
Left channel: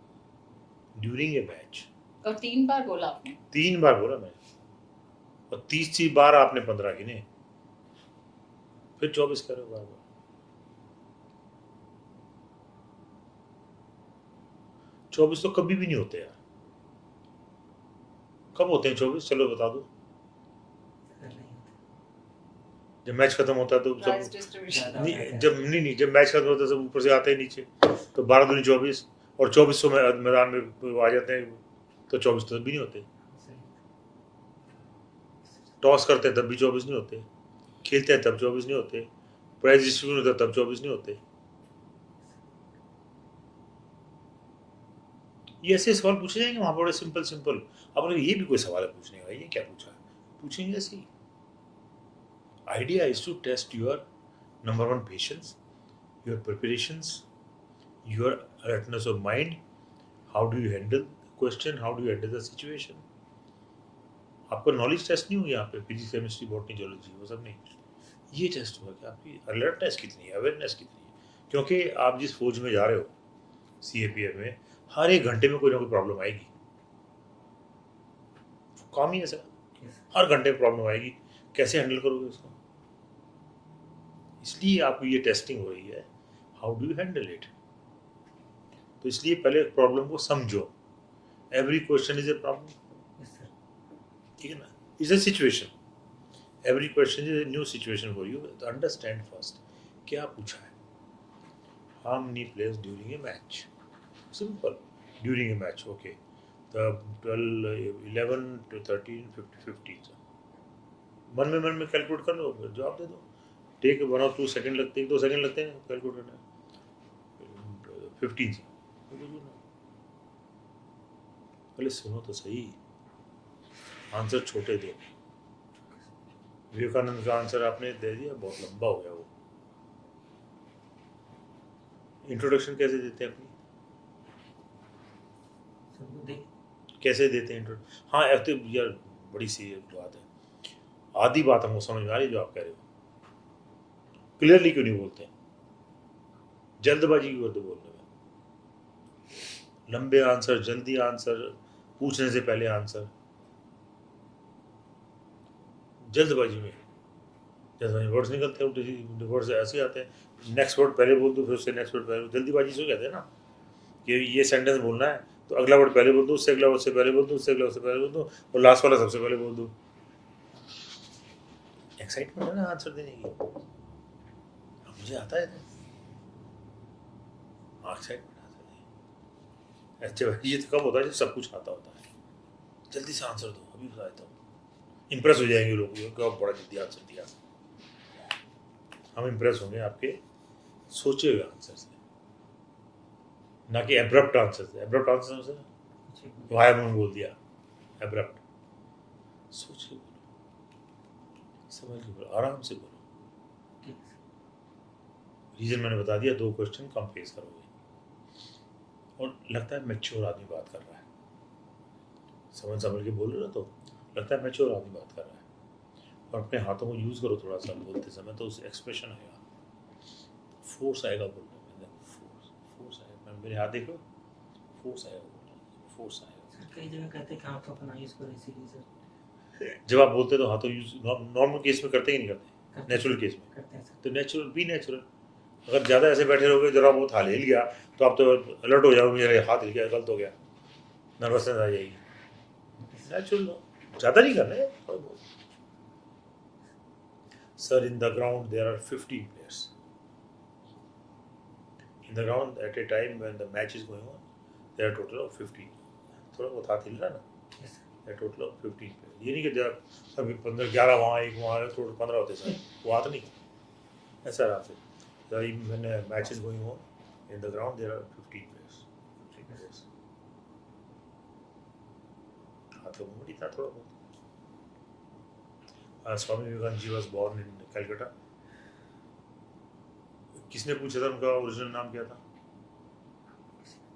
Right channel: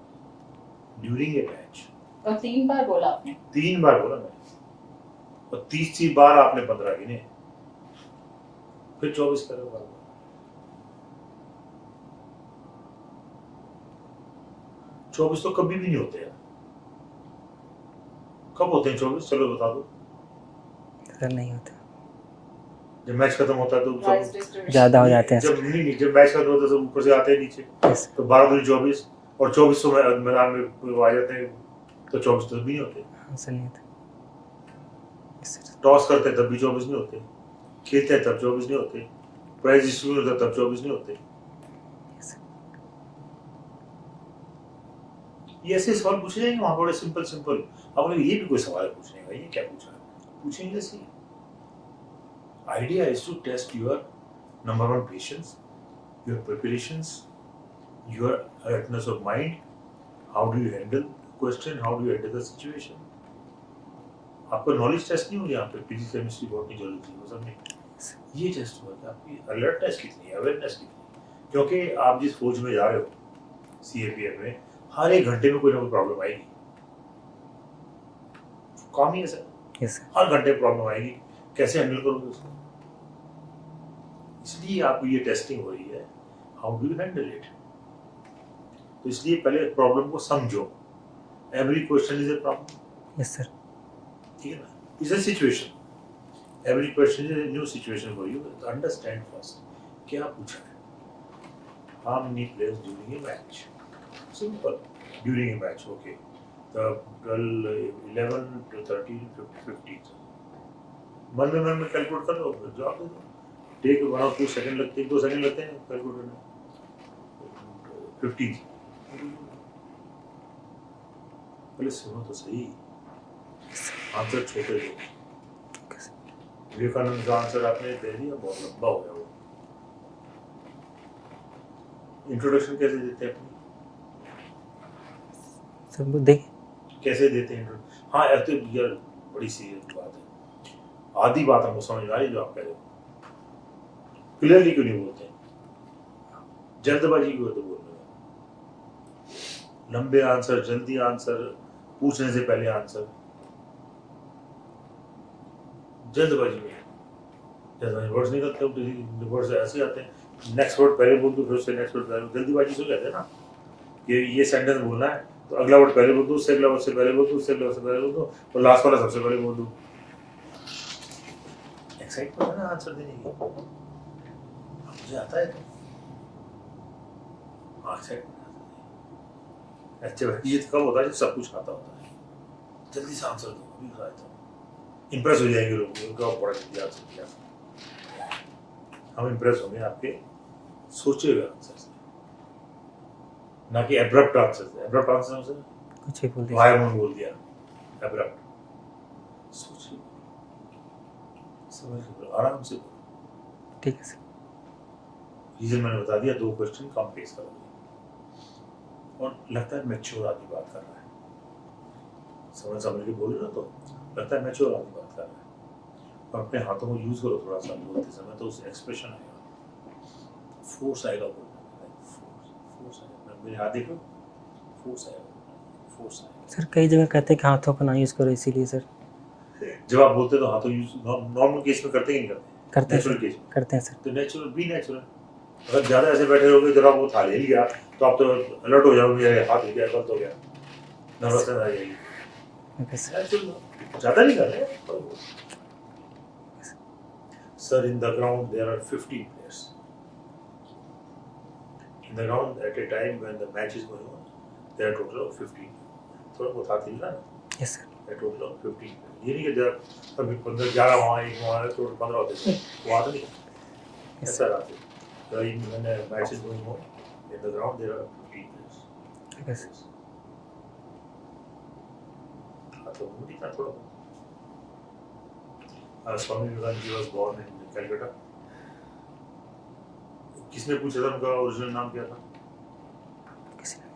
ड्यूरिंग ए मैच। और 3 बार बोला आपने। 3 बार बोला मैं, और 30 बार आपने 15 गिने, फिर 24 करो बार। 24 तो कभी भी नहीं होते यार। कब होते हैं 24? चलो बता दो। सर नहीं होते, जब मैच खत्म होता है तो Prize सब distribution. ज़्यादा हो जाते हैं जब नहीं जब मैच खत्म होता है सब ऊपर से आते हैं नीचे, यस तो 12 दूनी 24, और 24 तो मैदान में आ जाते हैं, तो 24 तो भी नहीं होते। सर नहीं होते। Yes sir. टॉस करते हैं तब भी 24 नहीं होते, खेलते हैं तब 24 नहीं होते, प्राइज डिस्ट्रीब्यूट होता है तब 24 नहीं होते। Yes sir. ये ऐसे सवाल पूछे जाएंगे वहाँ, बड़े सिंपल सिंपल। अब ये भी कोई सवाल पूछने का, ये क्या पूछा, पूछेंगे ऐसे। Idea is to test your number 1 patience, your preparations, your alertness of mind. How do you handle the question? How do you handle the situation? आपका नॉलेज टेस्ट नहीं हो यहाँ पे, फिजिक्स केमिस्ट्री बॉटनी जूलॉजी वो सब नहीं, ये test होगा कि आपकी अलर्टनेस कितनी है, अवेयरनेस कितनी है। क्योंकि आप जिस फौज में जा रहे हो, CAPF में, हर 1 घंटे में कोई ना कोई प्रॉब्लम आएगी, काम ही है सर, यस सर। हर घंटे प्रॉब्लम आएगी, कैसे हैंडल करोगे उसको? इसलिए आपको ये टेस्टिंग हो रही है, how do you handle it. तो इसलिए पहले प्रॉब्लम को समझो, every question is a problem, yes sir. ठीक है ना, is a situation, every question is a new situation for you. तो अंडरस्टैंड फर्स्ट क्या पूछा है, how many players during a match, simple, during a match, okay, the 12, 11 to 13, 15, मन में calculate कर लो, जवाब दे दो। टेक 1 or 2 सेकंड लगते हैं, 2 सेकंड लगते हैं कैलकुलेट करने में, 15। पहले सुनो तो सही, आंसर छोटे दो। विवेकानंद का आंसर आपने दे दिया, बहुत लंबा हो गया वो। इंट्रोडक्शन कैसे देते हैं अपनी, सर वो देखिए कैसे देते हैं इंट्रोडक्शन? हाँ ऐसे यार बड़ी सीरियस बात है, आधी बात हमको समझ में आ रही जो आप कह रहे हो, क्लियरली क्यों नहीं बोलते, जल्दबाजी क्यों तो बोल रहे हो, लंबे आंसर, जल्दी आंसर, पूछने से पहले आंसर, जल्दबाजी में वर्ड्स निकलते हैं, वर्ड्स ऐसे आते हैं, नेक्स्ट वर्ड पहले बोल दो, फिर उससे नेक्स्ट वर्ड पहले, जल्दबाजी से कहते हैं ना, ये सेंटेंस बोलना है तो अगला वर्ड पहले बोल दो, उससे अगला वर्ड से पहले बोल दो, उससे अगला वर्ड से पहले बोल दो, और लास्ट वाला सबसे पहले बोल दो। एक्साइटमेंट है ना आंसर देने की, मुझे आता है तो अच्छा ये तो कब होता है जब सब कुछ आता होता है, जल्दी से आंसर दो, अभी बता देता हूँ, इम्प्रेस हो जाएंगे लोग, उनका बड़ा जल्दी आंसर किया, हम इम्प्रेस होंगे आपके सोचे हुए आंसर से, ना कि एब्रप्ट आंसर से। एब्रप्ट आंसर से कुछ भी बोल तो दीजिए। आई वोंट बोल दिया एब्रप्ट, सोच के बोलो, समझ के बोलो, आराम से बोलो। ठीक है सर। रीजन मैंने बता दिया, 2 क्वेश्चन कम फेस करोगे और लगता है मैच्योर आदमी बात कर रहा है, समझ के बोलो ना, तो लगता है मैच्योर आदमी बात कर रहा है। और अपने हाथों को यूज करो थोड़ा सा बोलते समय, तो उस एक्सप्रेशन आएगा, फोर्स आएगा बोलने में, फोर्स आएगा, मेरे हाथ देखो, फोर्स आएगा, फोर्स आएगा। सर कई जगह कहते हैं कि हाथों का ना यूज़ करो, इसीलिए सर जब आप बोलते हो तो हाथों यूज नॉर्मल केस में करते ही नहीं करते, करते हैं नेचुरल सर, केस में। करते हैं सर। तो नेचुरल बी नेचुरल। अगर ज्यादा ऐसे बैठे रहोगे, जरा वो था ले लिया तो आप तो अलर्ट हो जाओगे, अरे हाथ हिल गया, गलत हो गया, नर्वसनेस आ जाएगी। Okay sir. नेचुरल, ज्यादा नहीं कर रहे। Sir, in the ground there are 15 players. In the ground at a time when the match is going on, there are total of 15. थोड़ा बहुत हाथ हिल रहा है ना, yes sir. there are total of 15 players. ये नहीं कि जब कभी 15 11 वहाँ एक वहाँ टोटल 15 होते थे, वो हाथ नहीं ऐसा रहता है। So when a match is going on, in the ground there are 15 players. ठीक है सर। हाथ तो मूड ही था थोड़ा बहुत। Swami Vivekananda ji was born in Calcutta. किसने पूछा था उनका ओरिजिनल नाम क्या था? किसी ने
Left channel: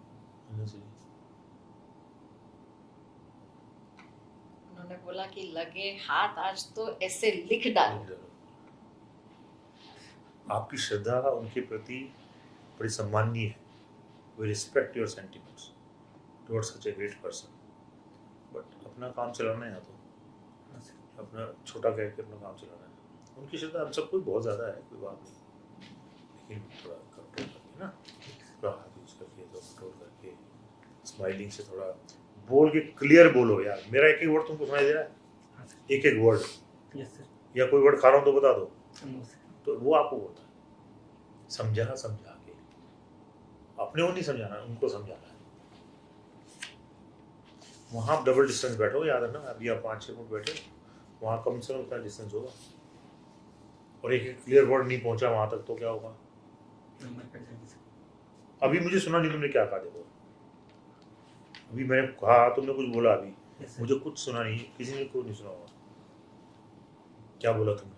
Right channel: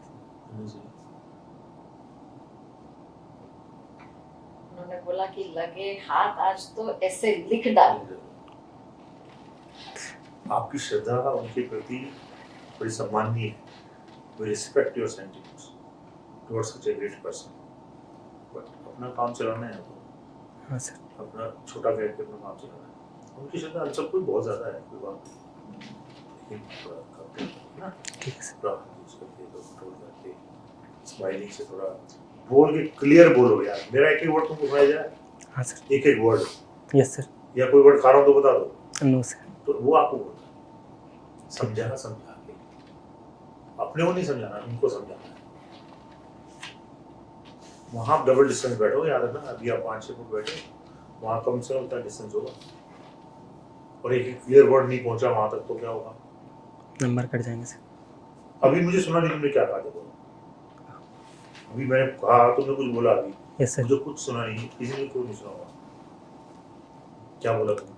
उन्होंने बोला कि लगे हाथ आज तो ऐसे लिख डाल। आपकी श्रद्धा उनके प्रति बड़ी सम्माननीय है। We respect your sentiments towards such a great person. But अपना काम चलाना है तो हाँ सर। अपना छोटा कह के अपना काम चलाना है। उनकी श्रद्धा हम सबको बहुत ज़्यादा है, कोई बात नहीं। लेकिन थोड़ा कंट्रोल करके ना, ठीक है सर। थोड़ा यूज करके, तो कंट्रोल करके, स्माइलिंग से थोड़ा बोल के क्लियर बोलो यार। मेरा एक वर्ड तुमको सुनाई जाए, हाँ सर। एक वर्ड, यस सर। या कोई वर्ड खा रहा हूँ तो बता दो, नो सर। तो वो आपको बोलना है। समझा के, अपने को नहीं समझाना, उनको समझाना है। वहाँ आप डबल डिस्टेंस बैठो, याद रखना। अभी आप 5-6 फुट बैठे, वहाँ कम से कम उतना डिस्टेंस होगा, और एक क्लियर वर्ड नहीं पहुंचा वहां तक, तो क्या होगा? नंबर कट जाएंगे सर। अभी मुझे सुना नहीं तुमने क्या कहा, देखो अभी मैंने कहा, तुमने कुछ बोला, अभी यस सर। मुझे कुछ सुना नहीं, किसी ने कोई नहीं सुना होगा। क्या बोला तुमने?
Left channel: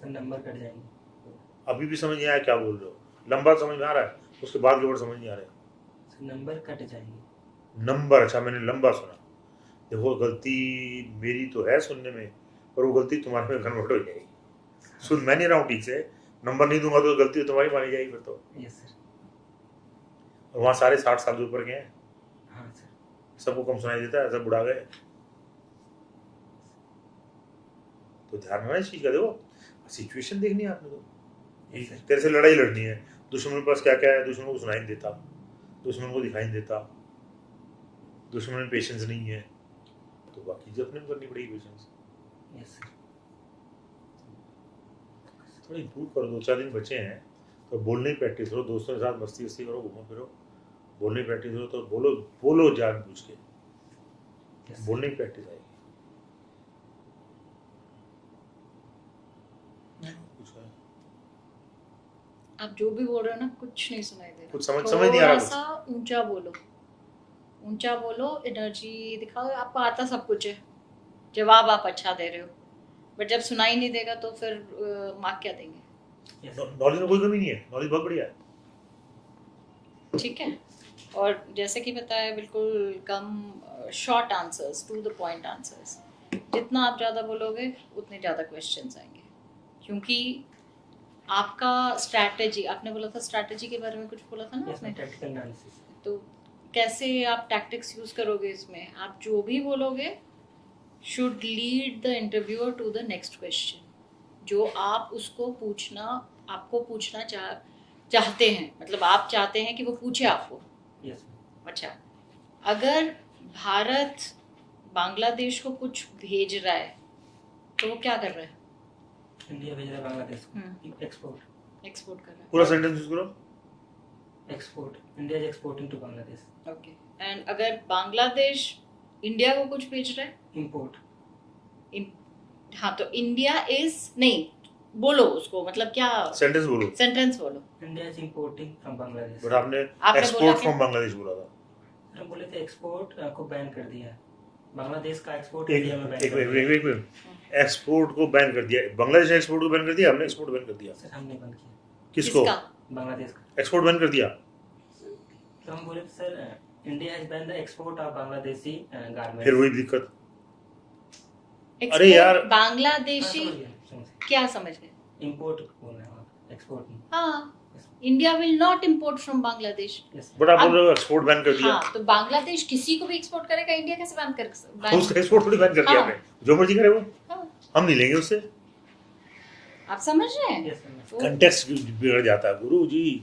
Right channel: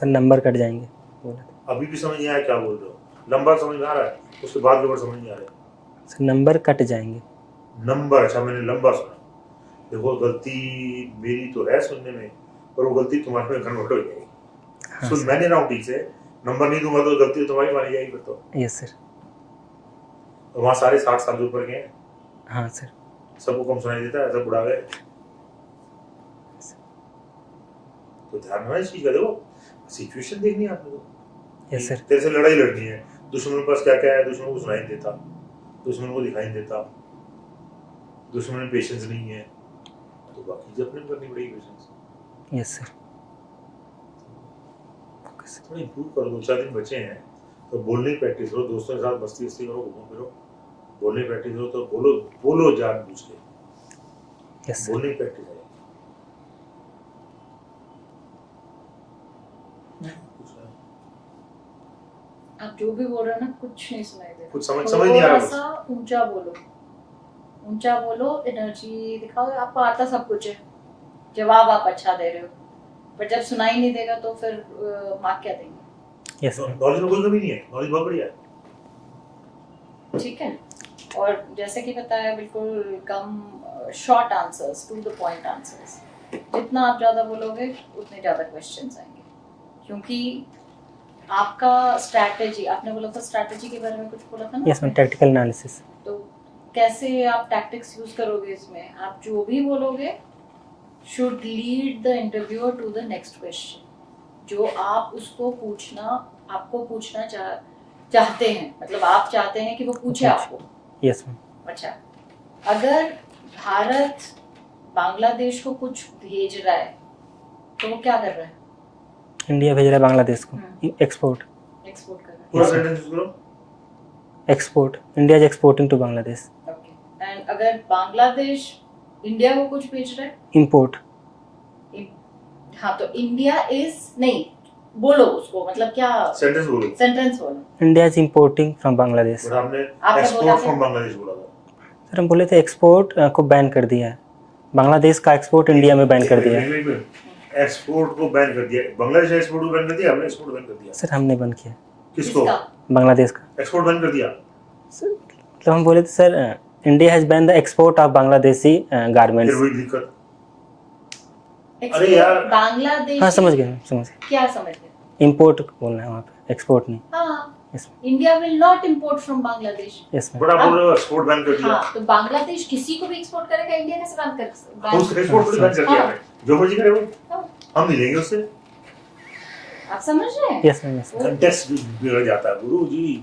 सर नंबर कट जाएंगे बोला। अभी भी समझ नहीं आया क्या बोल रहे हो? लंबा समझ में आ रहा है, उसके बाद के वर्ड समझ नहीं आ रहे। सर नंबर कट जाएंगे। नंबर, अच्छा मैंने लंबा सुना। देखो गलती मेरी तो है सुनने में, पर वो गलती तुम्हारे में कन्वर्ट हो जाएगी। हाँ सुन सर। मैंने ना ठीक से नंबर नहीं दूंगा तो गलती तुम्हारी मानी जाएगी फिर तो। Yes sir. वहाँ सारे 60 साल के ऊपर के हैं, हाँ सर। सबको कम सुनाई देता है, सब बुढ़ा गए। तो ध्यान रखना इस चीज का। देखो सिचुएशन देखनी है आपको, यस सर। तेरे से लड़ाई लड़नी है, दुश्मन के पास क्या क्या है, दुश्मन को सुनाई नहीं देता, दुश्मन को दिखाई नहीं देता, दुश्मन में पेशेंस नहीं है, तो बाकी चीजें अपने करनी पड़ेगी पेशेंस। Yes sir. थोड़ा इंप्रूव करो, 2-4 दिन बचे हैं तो बोलने की प्रैक्टिस करो, दोस्तों के साथ मस्ती वस्ती करो, घूमो फिरो, बोलने की प्रैक्टिस करो, तो बोलो जान बूझ के, यस सर। बोलने की प्रैक्टिस है। आप जो भी बोल रहे हो ना, कुछ नहीं सुनाई दे रहा। कुछ समझ नहीं आ रहा थोड़ा सा ऊंचा बोलो, एनर्जी दिखाओ। आपको आता सब कुछ है, जवाब आप अच्छा दे रहे हो, बट जब सुनाई नहीं देगा तो फिर मार्क क्या देंगे? Yes sir. नॉलेज में कोई कमी नहीं है, नॉलेज बहुत बढ़िया है। ठीक है। और जैसे कि बताया, बिल्कुल कम short answers, to the point answers. जितना आप ज़्यादा बोलोगे उतने ज़्यादा क्वेश्चंस आएंगे, क्योंकि आपका स्ट्रैटेजी, आपने बोला था स्ट्रैटेजी के बारे में कुछ बोला था ना? Yes ma'am, tactical analysis. तो कैसे आप टैक्टिक्स यूज करोगे इसमें? आप जो भी बोलोगे should lead the interviewer to the next question, जो आप उसको आपको पूछना चाहते हैं, मतलब आप चाहते हैं कि वो पूछे आपको। Yes ma'am. अच्छा, अगर भारत बांग्लादेश को कुछ भेज रहा है तो वो क्या कर रहा है? इंडिया भेज रहा है बांग्लादेश को एक्सपोर्ट कर रहा पूरा है। सेंटेंस यूज करो। Export, India is exporting to Bangladesh. Okay. And अगर बांग्लादेश इंडिया को कुछ भेज रहा है? इंपोर्ट। हाँ, तो इंडिया इज नहीं, बोलो उसको, मतलब क्या सेंटेंस बोलो। सेंटेंस बोलो। India is importing from Bangladesh. But आपने बोला एक्सपोर्ट क्या? फ्रॉम बांग्लादेश बोला था। सर हम बोले थे एक्सपोर्ट को बैन कर दिया है, बांग्लादेश का एक्सपोर्ट इंडिया में बैन कर दिया है। एक्सपोर्ट को बैन कर दिया, बांग्लादेश ने एक्सपोर्ट को बैन कर दिया, हमने एक्सपोर्ट बैन कर दिया। सर हमने बंद किया किसको? बांग्लादेश का एक्सपोर्ट बैन कर दिया। मतलब हम बोले थे sir India has ban the export of Bangladeshi फिर गारमेंट्स। वही दिक्कत। Export यार। बांग्लादेश हाँ समझ गए समझ गए, क्या समझ गए? इम्पोर्ट बोलना है वहाँ पे, एक्सपोर्ट नहीं। हाँ, Yes. India will not import from Bangladesh. Yes ma'am. But आप बोल रहे हो एक्सपोर्ट बैन कर दिया। हाँ, तो बांग्लादेश किसी को भी एक्सपोर्ट करेगा, इंडिया कैसे बैन कर तो उसका एक्सपोर्ट को बैन कर दिया हाँ। आपने, जो मर्जी करे वो, हाँ। हम नहीं लेंगे उससे। आप समझ रहे हैं? यस मैम, यस कंटेक्स्ट बिगड़ जाता है गुरु जी,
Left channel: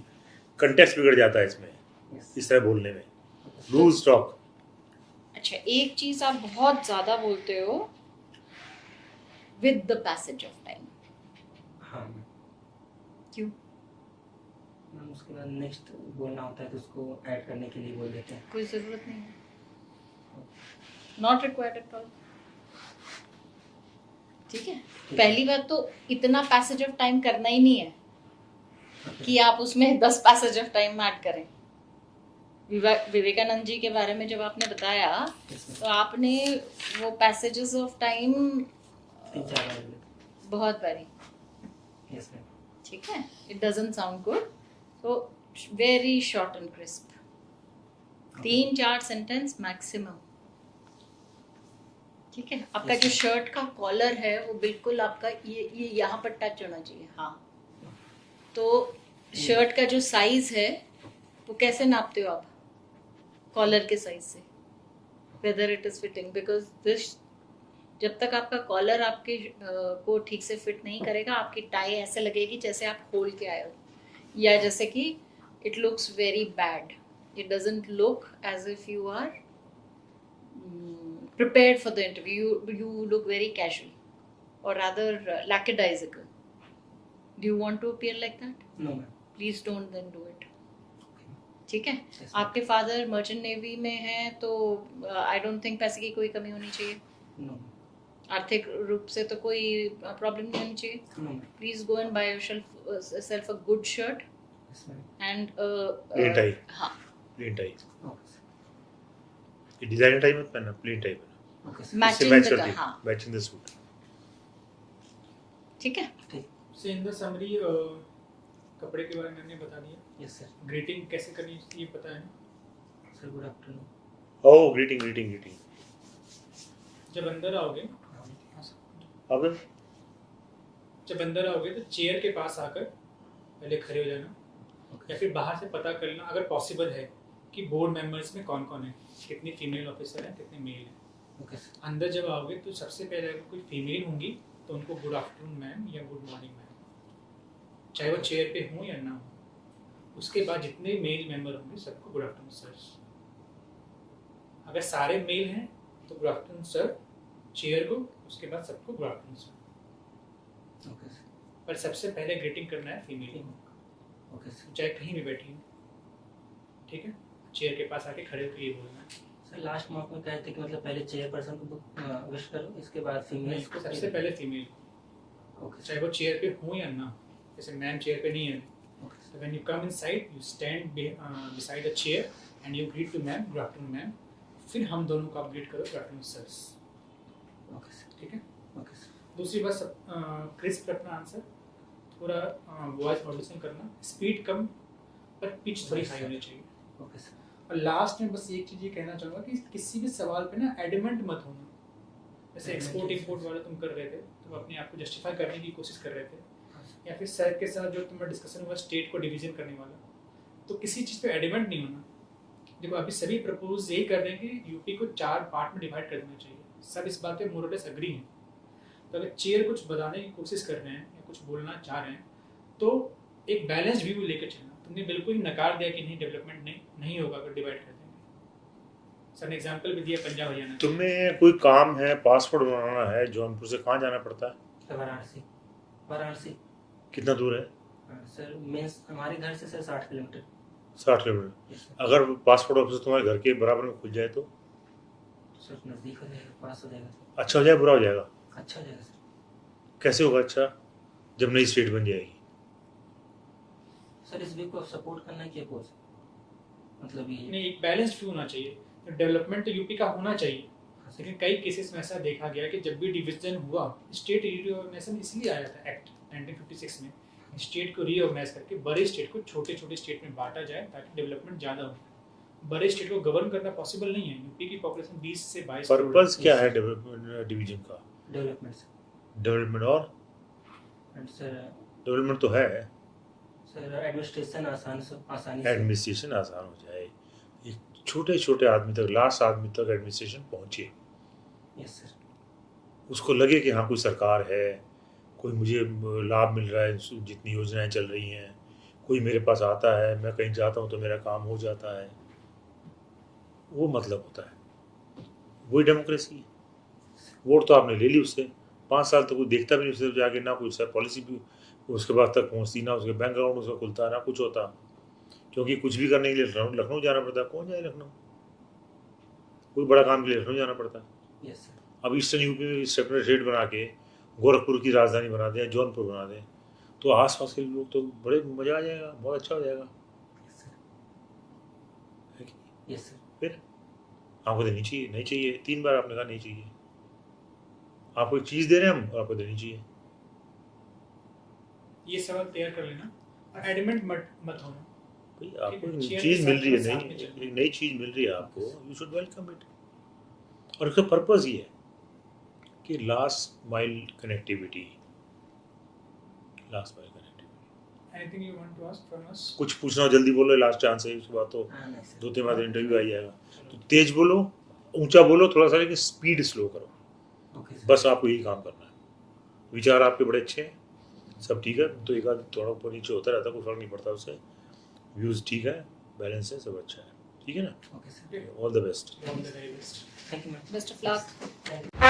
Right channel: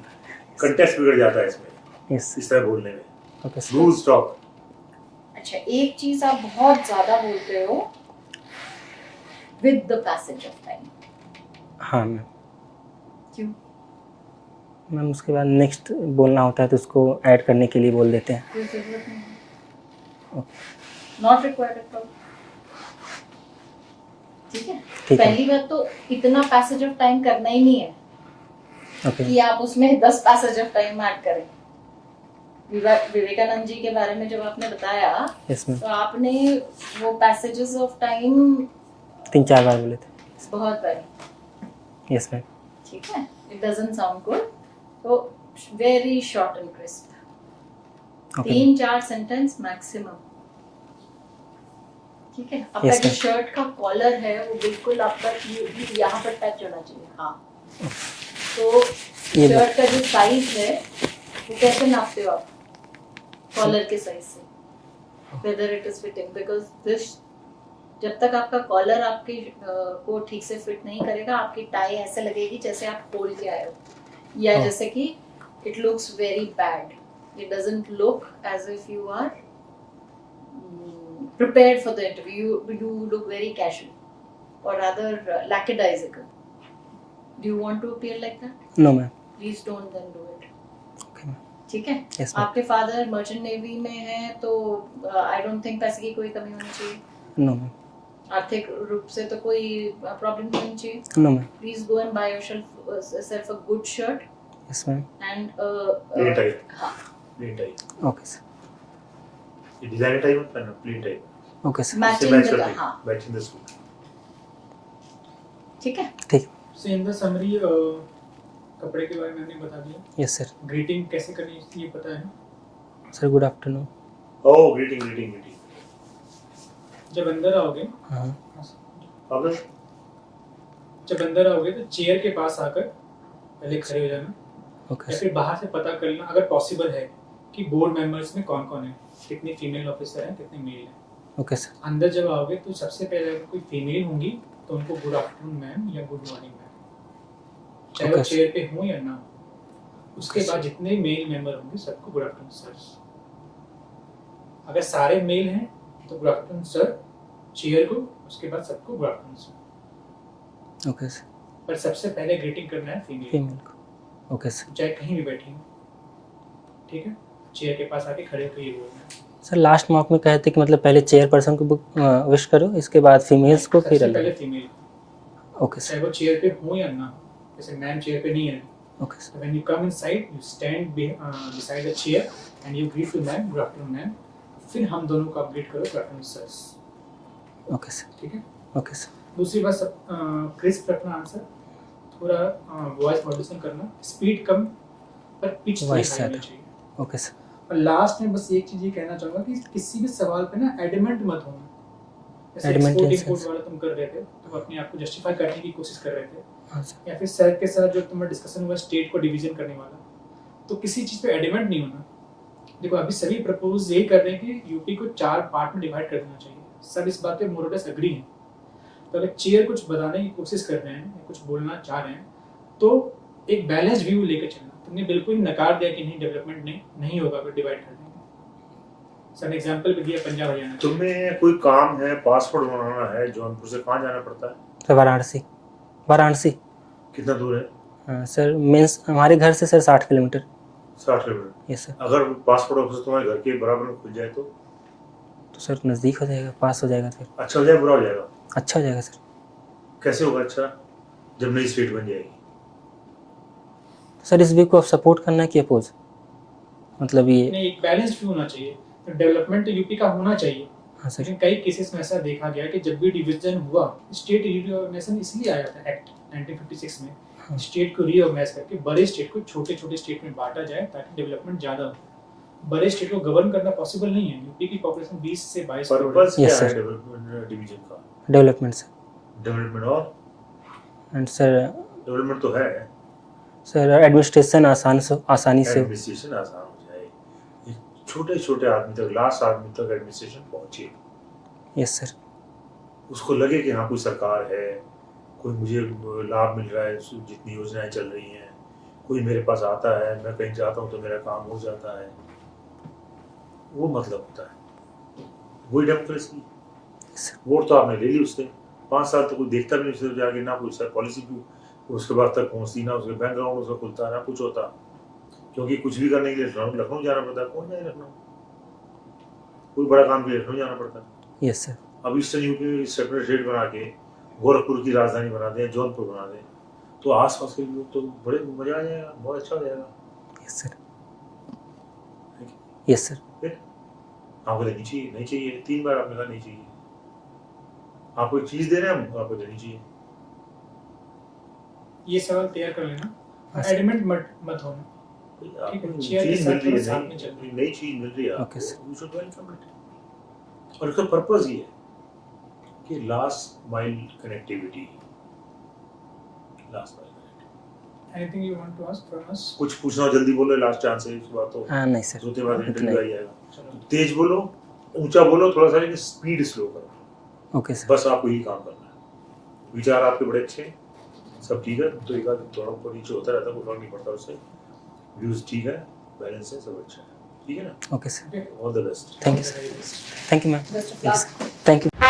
कंटेक्स्ट बिगड़ जाता है इसमें, यस। इस तरह बोलने में। Okay sir. Loose talk. अच्छा, एक चीज आप बहुत ज्यादा बोलते हो, with the passage of time. हाँ मैम। क्यों? मैम उसके बाद नेक्स्ट बोलना होता है तो उसको ऐड करने के लिए बोल देते हैं। कोई जरूरत नहीं है, okay not required at all. ठीक है, ठीक है। पहली बात तो इतना पैसेज ऑफ टाइम करना ही नहीं है ओके कि आप उसमें 10 पैसेज ऑफ टाइम ऐड करें। विवेकानंद जी के बारे में जब आपने बताया यस मैम, तो आपने वो पैसेजेस ऑफ टाइम 3-4 बार बोले थे। बहुत बारी। Yes ma'am. ठीक है, इट डजंट साउंड गुड, तो very short and crisp, okay 3-4 sentence maximum. ठीक है, आपका Yes, जो ma'am. शर्ट का कॉलर है वो बिल्कुल आपका ये भी यहाँ पर टच होना चाहिए। हाँ, तो ये शर्ट का जो साइज है वो कैसे नापते हो आप? कॉलर के साइज से, whether it is fitting, because this, जब तक आपका कॉलर आपके को ठीक से फिट नहीं करेगा, आपकी टाई ऐसे लगेगी जैसे आप खोल के आए हो, या हाँ. जैसे कि it looks very bad, it doesn't look as if you are prepared for the interview. You look very casual or rather lackadaisical. Do you want to appear like that? No ma'am. Please don't then do it. Okay ma'am. ठीक है? Yes ma'am. आपके father merchant navy में हैं तो I don't think पैसे की कोई कमी होनी चाहिए, नो मैम। आर्थिक रूप से तो कोई प्रॉब्लम नहीं होनी चाहिए। No ma'am. Please go and buy yourself a good shirt yes ma'am. And plain tie. हाँ, प्लेन टाई। Okay sir. ये डिजाइनर टाई मत पहनना, plain tie. Okay sir. Matching match the, करती, हाँ, मैचिंग द सूट। ठीक है। ठीक। So in the summary, कपड़े के बारे में हमने बता दिया। Yes sir. ग्रीटिंग कैसे करनी है ये पता है ना। Sir good afternoon. Oh, greeting greeting greeting. जब अंदर आओगे, हाँ अगर जब अंदर आओगे तो चेयर के पास आकर पहले खड़े हो जाना, ओके या सर। फिर बाहर से पता कर लेना अगर पॉसिबल है कि बोर्ड मेंबर्स में कौन कौन है, कितने फीमेल ऑफिसर हैं, कितने मेल हैं। Okay sir. अंदर जब आओगे तो सबसे पहले अगर कोई फीमेल होंगी तो उनको गुड आफ्टरनून मैम या गुड मॉर्निंग मैम, चाहे वो Okay, चेयर पे हो या ना हो। उसके बाद जितने मेल मेंबर होंगे सबको गुड आफ्टरनून सर। अगर सारे मेल हैं तो गुड आफ्टरनून सर चेयर को, उसके बाद सबको good afternoon sir. Okay sir. पर सबसे पहले ग्रीटिंग करना है फीमेल, फीमेल को। Okay sir. चाहे कहीं भी बैठी हो। ठीक है, चेयर के पास आके खड़े होकर ये बोलना है। सर लास्ट मॉक में कहे थे कि मतलब पहले चेयर पर्सन को विश करो, इसके बाद फीमेल्स को, फिर सबसे पहले अलग। Female, okay sir. चाहे वो चेयर पे हो या ना हो। जैसे मैम चेयर पे नहीं है, okay sir. so when you come inside you stand beside the chair and you greet to ma'am, good afternoon ma'am, फिर हम दोनों को अपडेट करो good afternoon sirs। Okay sir. ठीक है, ओके सर। दूसरी बात सब क्रिस्प रखना आंसर, थोड़ा वॉइस मॉड्यूलेशन करना, स्पीड कम पर पिच थोड़ी Voice हाई होनी ज्यादा। चाहिए। Okay sir. और लास्ट में बस एक चीज ये कहना चाहूंगा कि किसी भी सवाल पे ना एडमेंट मत होना। जैसे Adamant export in import sense? वाला तुम कर रहे थे तो अपने आप को जस्टिफाई करने की कोशिश कर रहे थे, हाँ सर। या फिर सर के साथ जो तुम्हारा डिस्कशन हुआ स्टेट को डिवीजन करने वाला, तो किसी चीज़ पे एडमेंट नहीं होना। देखो अभी सभी प्रपोज यही कर रहे हैं कि यूपी को 4 पार्ट में डिवाइड कर देना चाहिए, सब इस बात पे मोरलेस एग्री हैं। तो अगर चेयर कुछ बताने की कोशिश कर रहे हैं या कुछ बोलना चाह रहे हैं तो एक बैलेंस व्यू लेकर चलना। तुमने बिल्कुल ही नकार दिया कि नहीं डेवलपमेंट नहीं होगा अगर डिवाइड कर देंगे। सर एग्जाम्पल भी दिया पंजाब हरियाणा। तुम्हें कोई काम है, पासपोर्ट बनाना है, जौनपुर से कहाँ जाना पड़ता है? सर वाराणसी। वाराणसी। कितना दूर है? हाँ सर, मीन्स हमारे घर से sir 60 kilometre. 60 kilometre. Yes sir. अगर पासपोर्ट ऑफिस तुम्हारे घर के बराबर में खुल जाए तो सर नज़दीक हो जाएगा, पास हो जाएगा, फिर अच्छा हो जाए, बुरा हो जाएगा? अच्छा हो जाएगा सर। कैसे होगा अच्छा? जब नई स्टेट बन जाएगी। सर इस व्यू को सपोर्ट करना है कि अपोज, मतलब ये नहीं, एक बैलेंस व्यू होना चाहिए। डेवलपमेंट तो यूपी का होना चाहिए, हाँ सर। लेकिन कई केसेस में ऐसा देखा गया कि जब भी डिवीजन हुआ, स्टेट रीऑर्गेनाइजेशन इसलिए आया था एक्ट 1956 में, हाँ। स्टेट को रीऑर्गेनाइज करके बड़े स्टेट को छोटे छोटे स्टेट में बांटा जाए ताकि डेवलपमेंट ज़्यादा हो। बड़े स्टेट को गवर्न करना पॉसिबल नहीं है। यूपी की पॉपुलेशन 20 से 22 करोड़ है। पर्पस क्या Yes, है sir. डेवलपमेंट डिवीजन का? Development sir. डेवलपमेंट और एंड सर डेवलपमेंट तो है, सर एडमिनिस्ट्रेशन आसानी से एडमिनिस्ट्रेशन आसान हो जाए, ये छोटे छोटे आदमी तक, लास्ट आदमी तक एडमिनिस्ट्रेशन पहुंचे, यस सर। उसको लगे कि हाँ कोई सरकार है, कोई मुझे लाभ मिल रहा है, जितनी योजनाएं चल रही हैं, कोई मेरे पास आता है, मैं कहीं जाता हूँ तो मेरा काम हो जाता है, वो मतलब होता है, वही डेमोक्रेसी। वोट तो आपने ले ली उससे, 5 साल तक कोई देखता भी नहीं, उससे जाके ना कोई पॉलिसी भी उसके बाद तक पहुँचती, ना उसके बैंक अकाउंट उसका खुलता, ना कुछ होता, क्योंकि कुछ भी करने के लिए लखनऊ जाना पड़ता है। कौन जाए लखनऊ? कोई बड़ा काम के लिए लखनऊ जाना पड़ता है। Yes sir. अब ईस्टर्न यूपी में सेपरेट स्टेट बना के गोरखपुर की राजधानी बना दें, जौनपुर बना दें, तो आसपास के लोग तो बड़े मजा आ जाएगा, बहुत अच्छा हो जाएगा। Yes sir. Yes sir. फिर आपको देनी चाहिए, नहीं चाहिए, 3 बार आपने कहा नहीं चाहिए। आपको एक चीज दे रहे हैं हम, आपको देनी चाहिए। ये सवाल तैयार कर लेना, हाँ सर। एडमिट मत होना। आपको चेयर के चीज साथ मिल रही थोड़ा साथ में है, चलना। नई चीज मिल रही है Okay, आपको, sir. You should welcome it. और इसका पर्पस ये है कि last mile connectivity, last mile connectivity. Anything you want to ask from us? कुछ पूछना हो जल्दी बोलो, लास्ट चांस है, उसके बाद तो नहीं सर। दो तीन बार इंटरव्यू नहीं। आ जाएगा। तो तेज बोलो, ऊंचा बोलो थोड़ा सा, लेकिन स्पीड स्लो करो, ओके सर। बस आपको यही काम करना है। विचार आपके बड़े अच्छे हैं, सब ठीक है, तो एक आध थोड़ा ऊपर नीचे होता रहता है, कोई फर्क नहीं पड़ता उससे। व्यूज ठीक है, बैलेंस है, सब अच्छा है, ठीक है ना? Okay sir. All the best. Thank you sir. Thank you ma'am. Best of luck. Thank you.